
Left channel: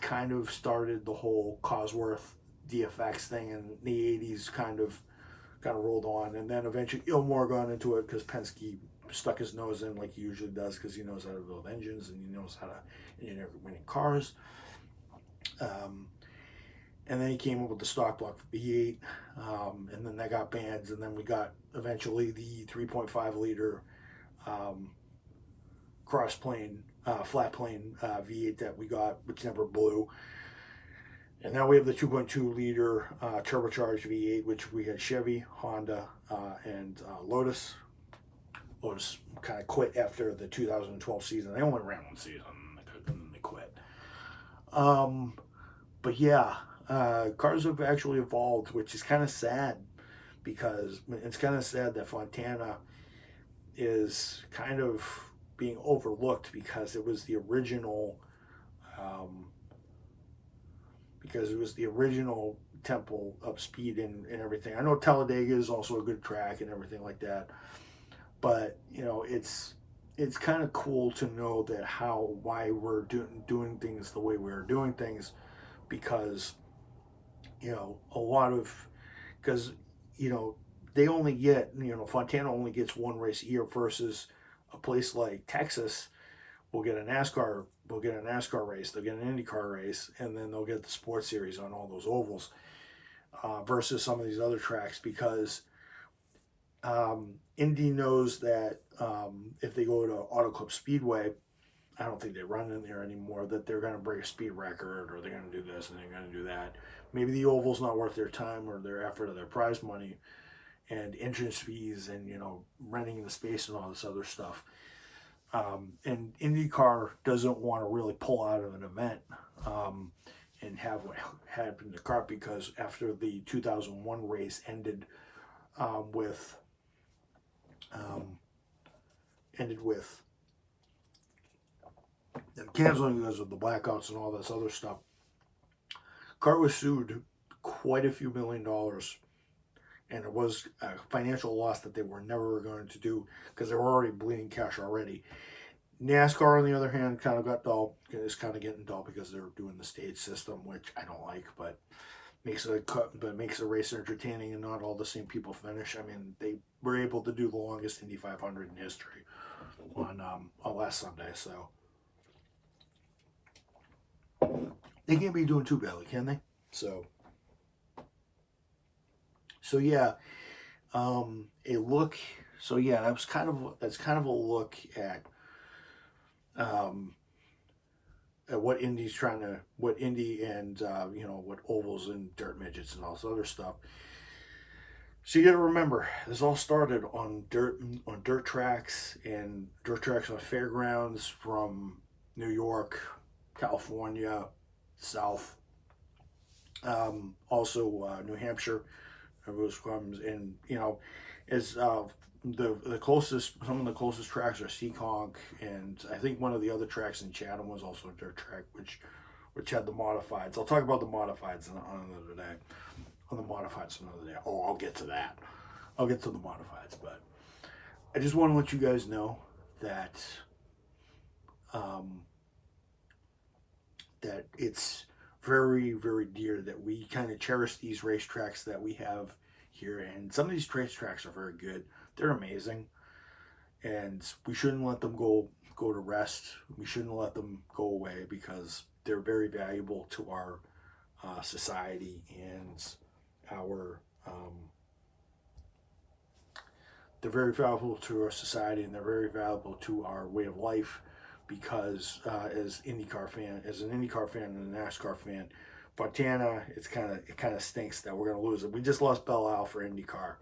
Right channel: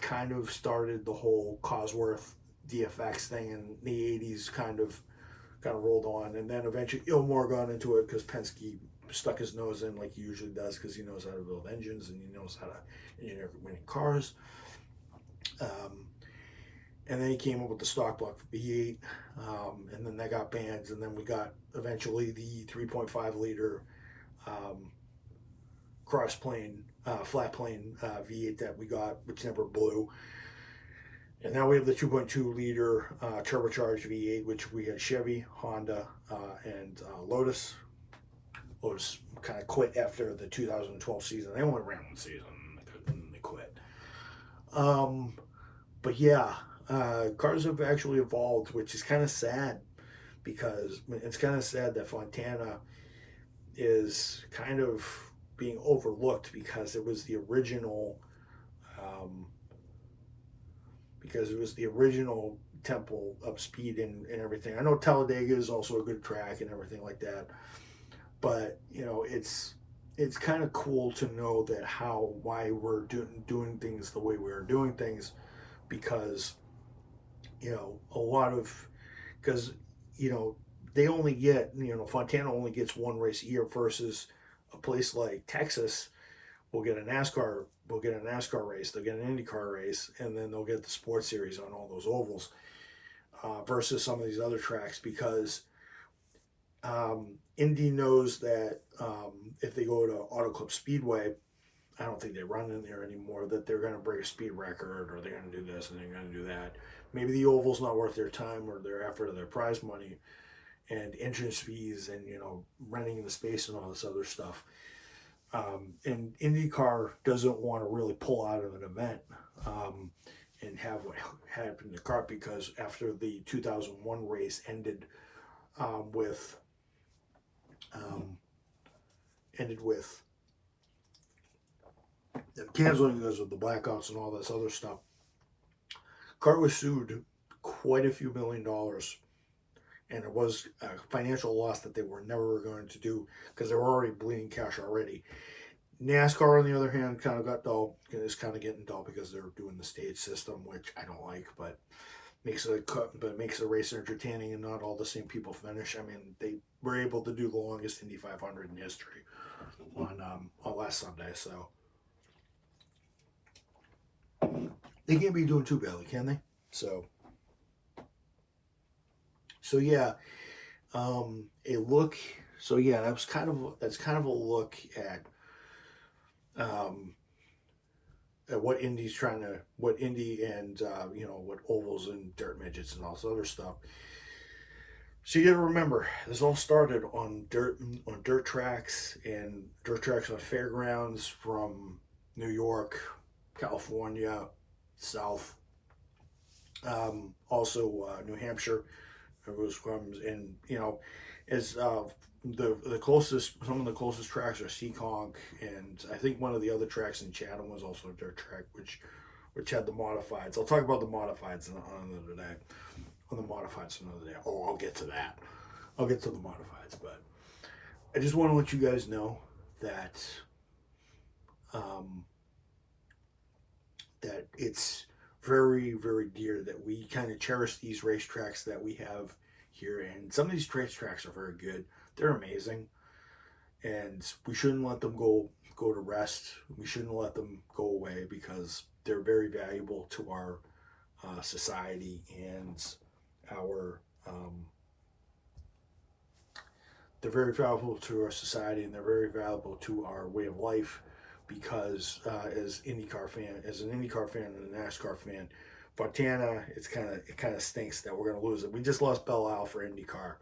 kind of started the whole Cosworth DFX thing, and the 80s kind of rolled on, and then eventually Ilmore got into it because Penske stuck his nose in like he usually does, because he knows how to build engines and he knows how to engineer winning cars. And then he came up with the stock block V8, and then that got banned, and then we got eventually the 3.5 liter cross plane, flat plane V8 that we got, which never blew. And now we have the 2.2 liter turbocharged V8, which we had Chevy, Honda, and Lotus. Lotus kind of quit after the 2012 season. They only ran one season, and they quit. But yeah, cars have actually evolved, which is kind of sad, because it's kind of sad that Fontana is kind of being overlooked, because it was the original temple of speed and everything. I know Talladega is also a good track and everything like that, but it's kind of cool to know that why we're doing things the way we're doing things, because they only get, Fontana only gets one race a year, versus a place like Texas, will get a NASCAR, race, they'll get an IndyCar race, and then they'll get the sports series on all those ovals, versus some of these other tracks, because Indy knows that if they go to Auto Club Speedway, I don't think they run in there anymore, that they're going to break a speed record, or they're going to do this and they're going to do that. Maybe the oval's not worth their time or their effort or their prize money and entrance fees and, renting the space and all this other stuff. And IndyCar doesn't want to really pull out of an event and have what happened to CART, because after the 2001 race ended with them canceling because of the blackouts and all this other stuff, CART was sued quite a few $1 million, and it was a financial loss that they were never going to do, because they were already bleeding cash already. NASCAR, on the other hand, kind of got dull. It's kind of getting dull because they're doing the stage system, which I don't like, but makes the race entertaining and not all the same people finish. I mean, they were able to do the longest Indy 500 in history on last Sunday, so they can't be doing too badly, can they? So yeah, that's kind of a look at what Indy and what ovals and dirt midgets and all this other stuff. So you got to remember, this all started on dirt tracks on fairgrounds from New York, California, South, also New Hampshire. And as the closest, some of the closest tracks are Seekonk, and I think one of the other tracks in Chatham was also a dirt track, which had the modifieds. I'll talk about the modifieds on another day. Oh, I'll get to that. I'll get to the modifieds, but I just want to let you guys know that that it's very, very dear that we kind of cherish these racetracks that we have here, and some of these racetracks are very good. They're amazing, and we shouldn't let them go to rest. We shouldn't let them go away, because they're very valuable to our society and our they're very valuable to our society, and they're very valuable to our way of life, because as an IndyCar fan and a NASCAR fan, Fontana, it kind of stinks that we're going to lose it. We just lost Belle Isle for IndyCar,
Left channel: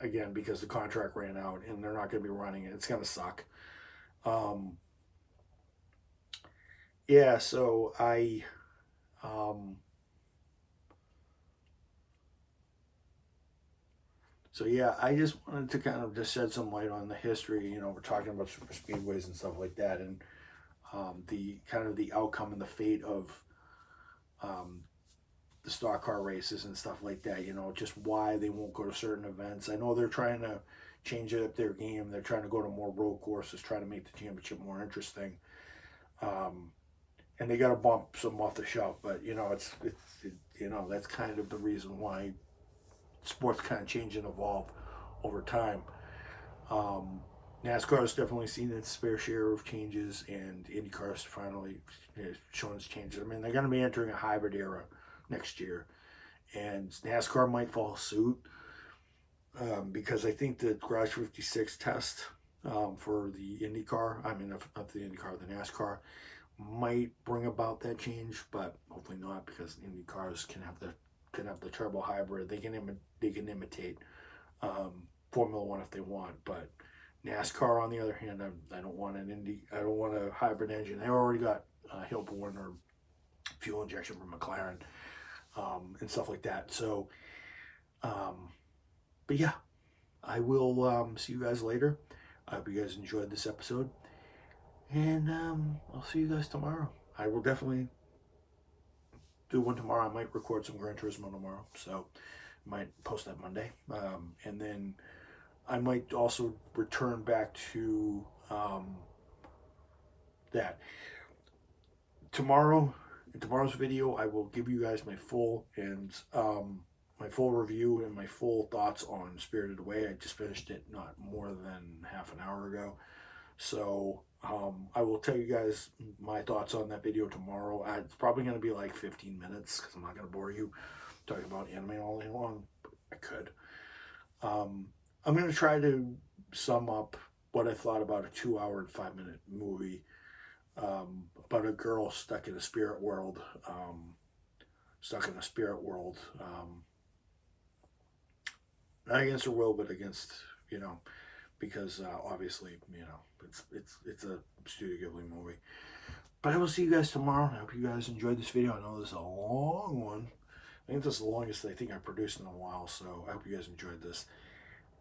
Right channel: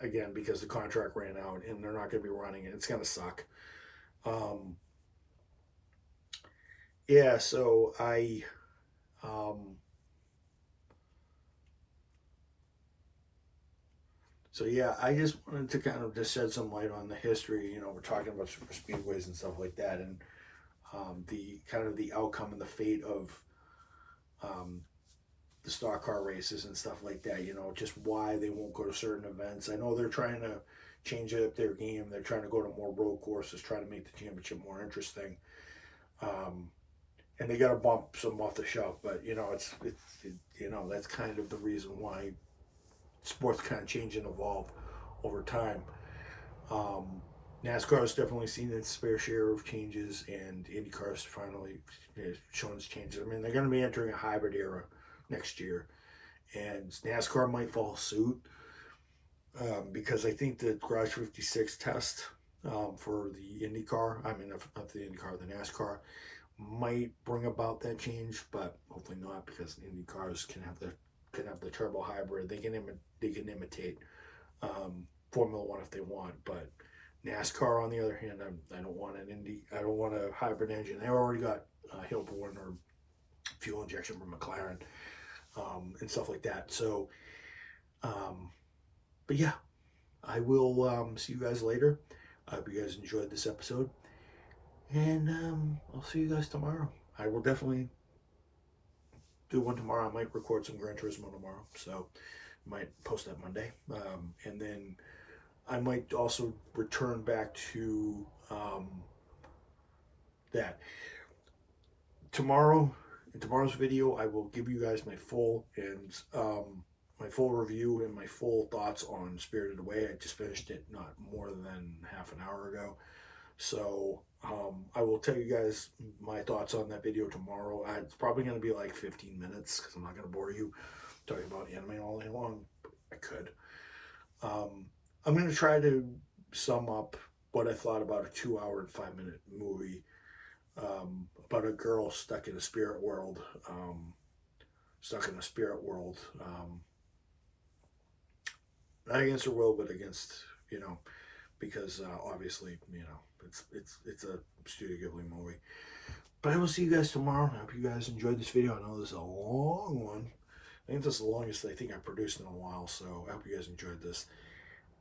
again, because the contract ran out and they're not going to be running it. It's going to suck. Yeah, so I just wanted to kind of just shed some light on the history. We're talking about super speedways and stuff like that, and the kind of the outcome and the fate of the stock car races and stuff like that. Just why they won't go to certain events. I know they're trying to change up their game. They're trying to go to more road courses, try to make the championship more interesting. And they got to bump some off the shelf, but it's that's kind of the reason why sports kind of change and evolve over time. NASCAR has definitely seen its fair share of changes, and IndyCar has finally shown its changes. I mean, they're going to be entering a hybrid era next year, and NASCAR might follow suit, because I think the Garage 56 test for the IndyCar, not the IndyCar, the NASCAR, might bring about that change, but hopefully not, because IndyCars can have the turbo hybrid. They can imitate Formula One if they want, but NASCAR, on the other hand, I don't want a hybrid engine. They already got Hilborn or fuel injection from McLaren, and stuff like that. So, but yeah, I will see you guys later. I hope you guys enjoyed this episode, and I'll see you guys tomorrow. I will definitely do one tomorrow. I might record some Gran Turismo tomorrow, so I might post that Monday, and then I might also return back to that. In tomorrow's video, I will give you guys my full review and my full thoughts on Spirited Away. I just finished it not more than half an hour ago, So I will tell you guys my thoughts on that video tomorrow. It's probably going to be like 15 minutes because I'm not going to bore you talking about anime all day long. I could. I'm going to try to sum up what I thought about a 2-hour and 5-minute movie about a girl stuck in a spirit world. Not against her will, but against, because obviously, it's a Studio Ghibli movie. But I will see you guys tomorrow. I hope you guys enjoyed this video. I know this is a long one. I think this is the longest I think I've produced in a while, so I hope you guys enjoyed this.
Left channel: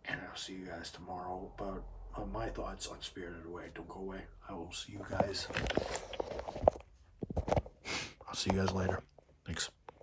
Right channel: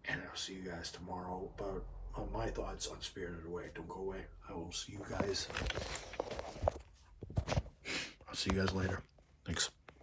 And I'll see you guys tomorrow about on my thoughts on Spirited Away. Don't go away. I will see you guys. I'll see you guys later. Thanks.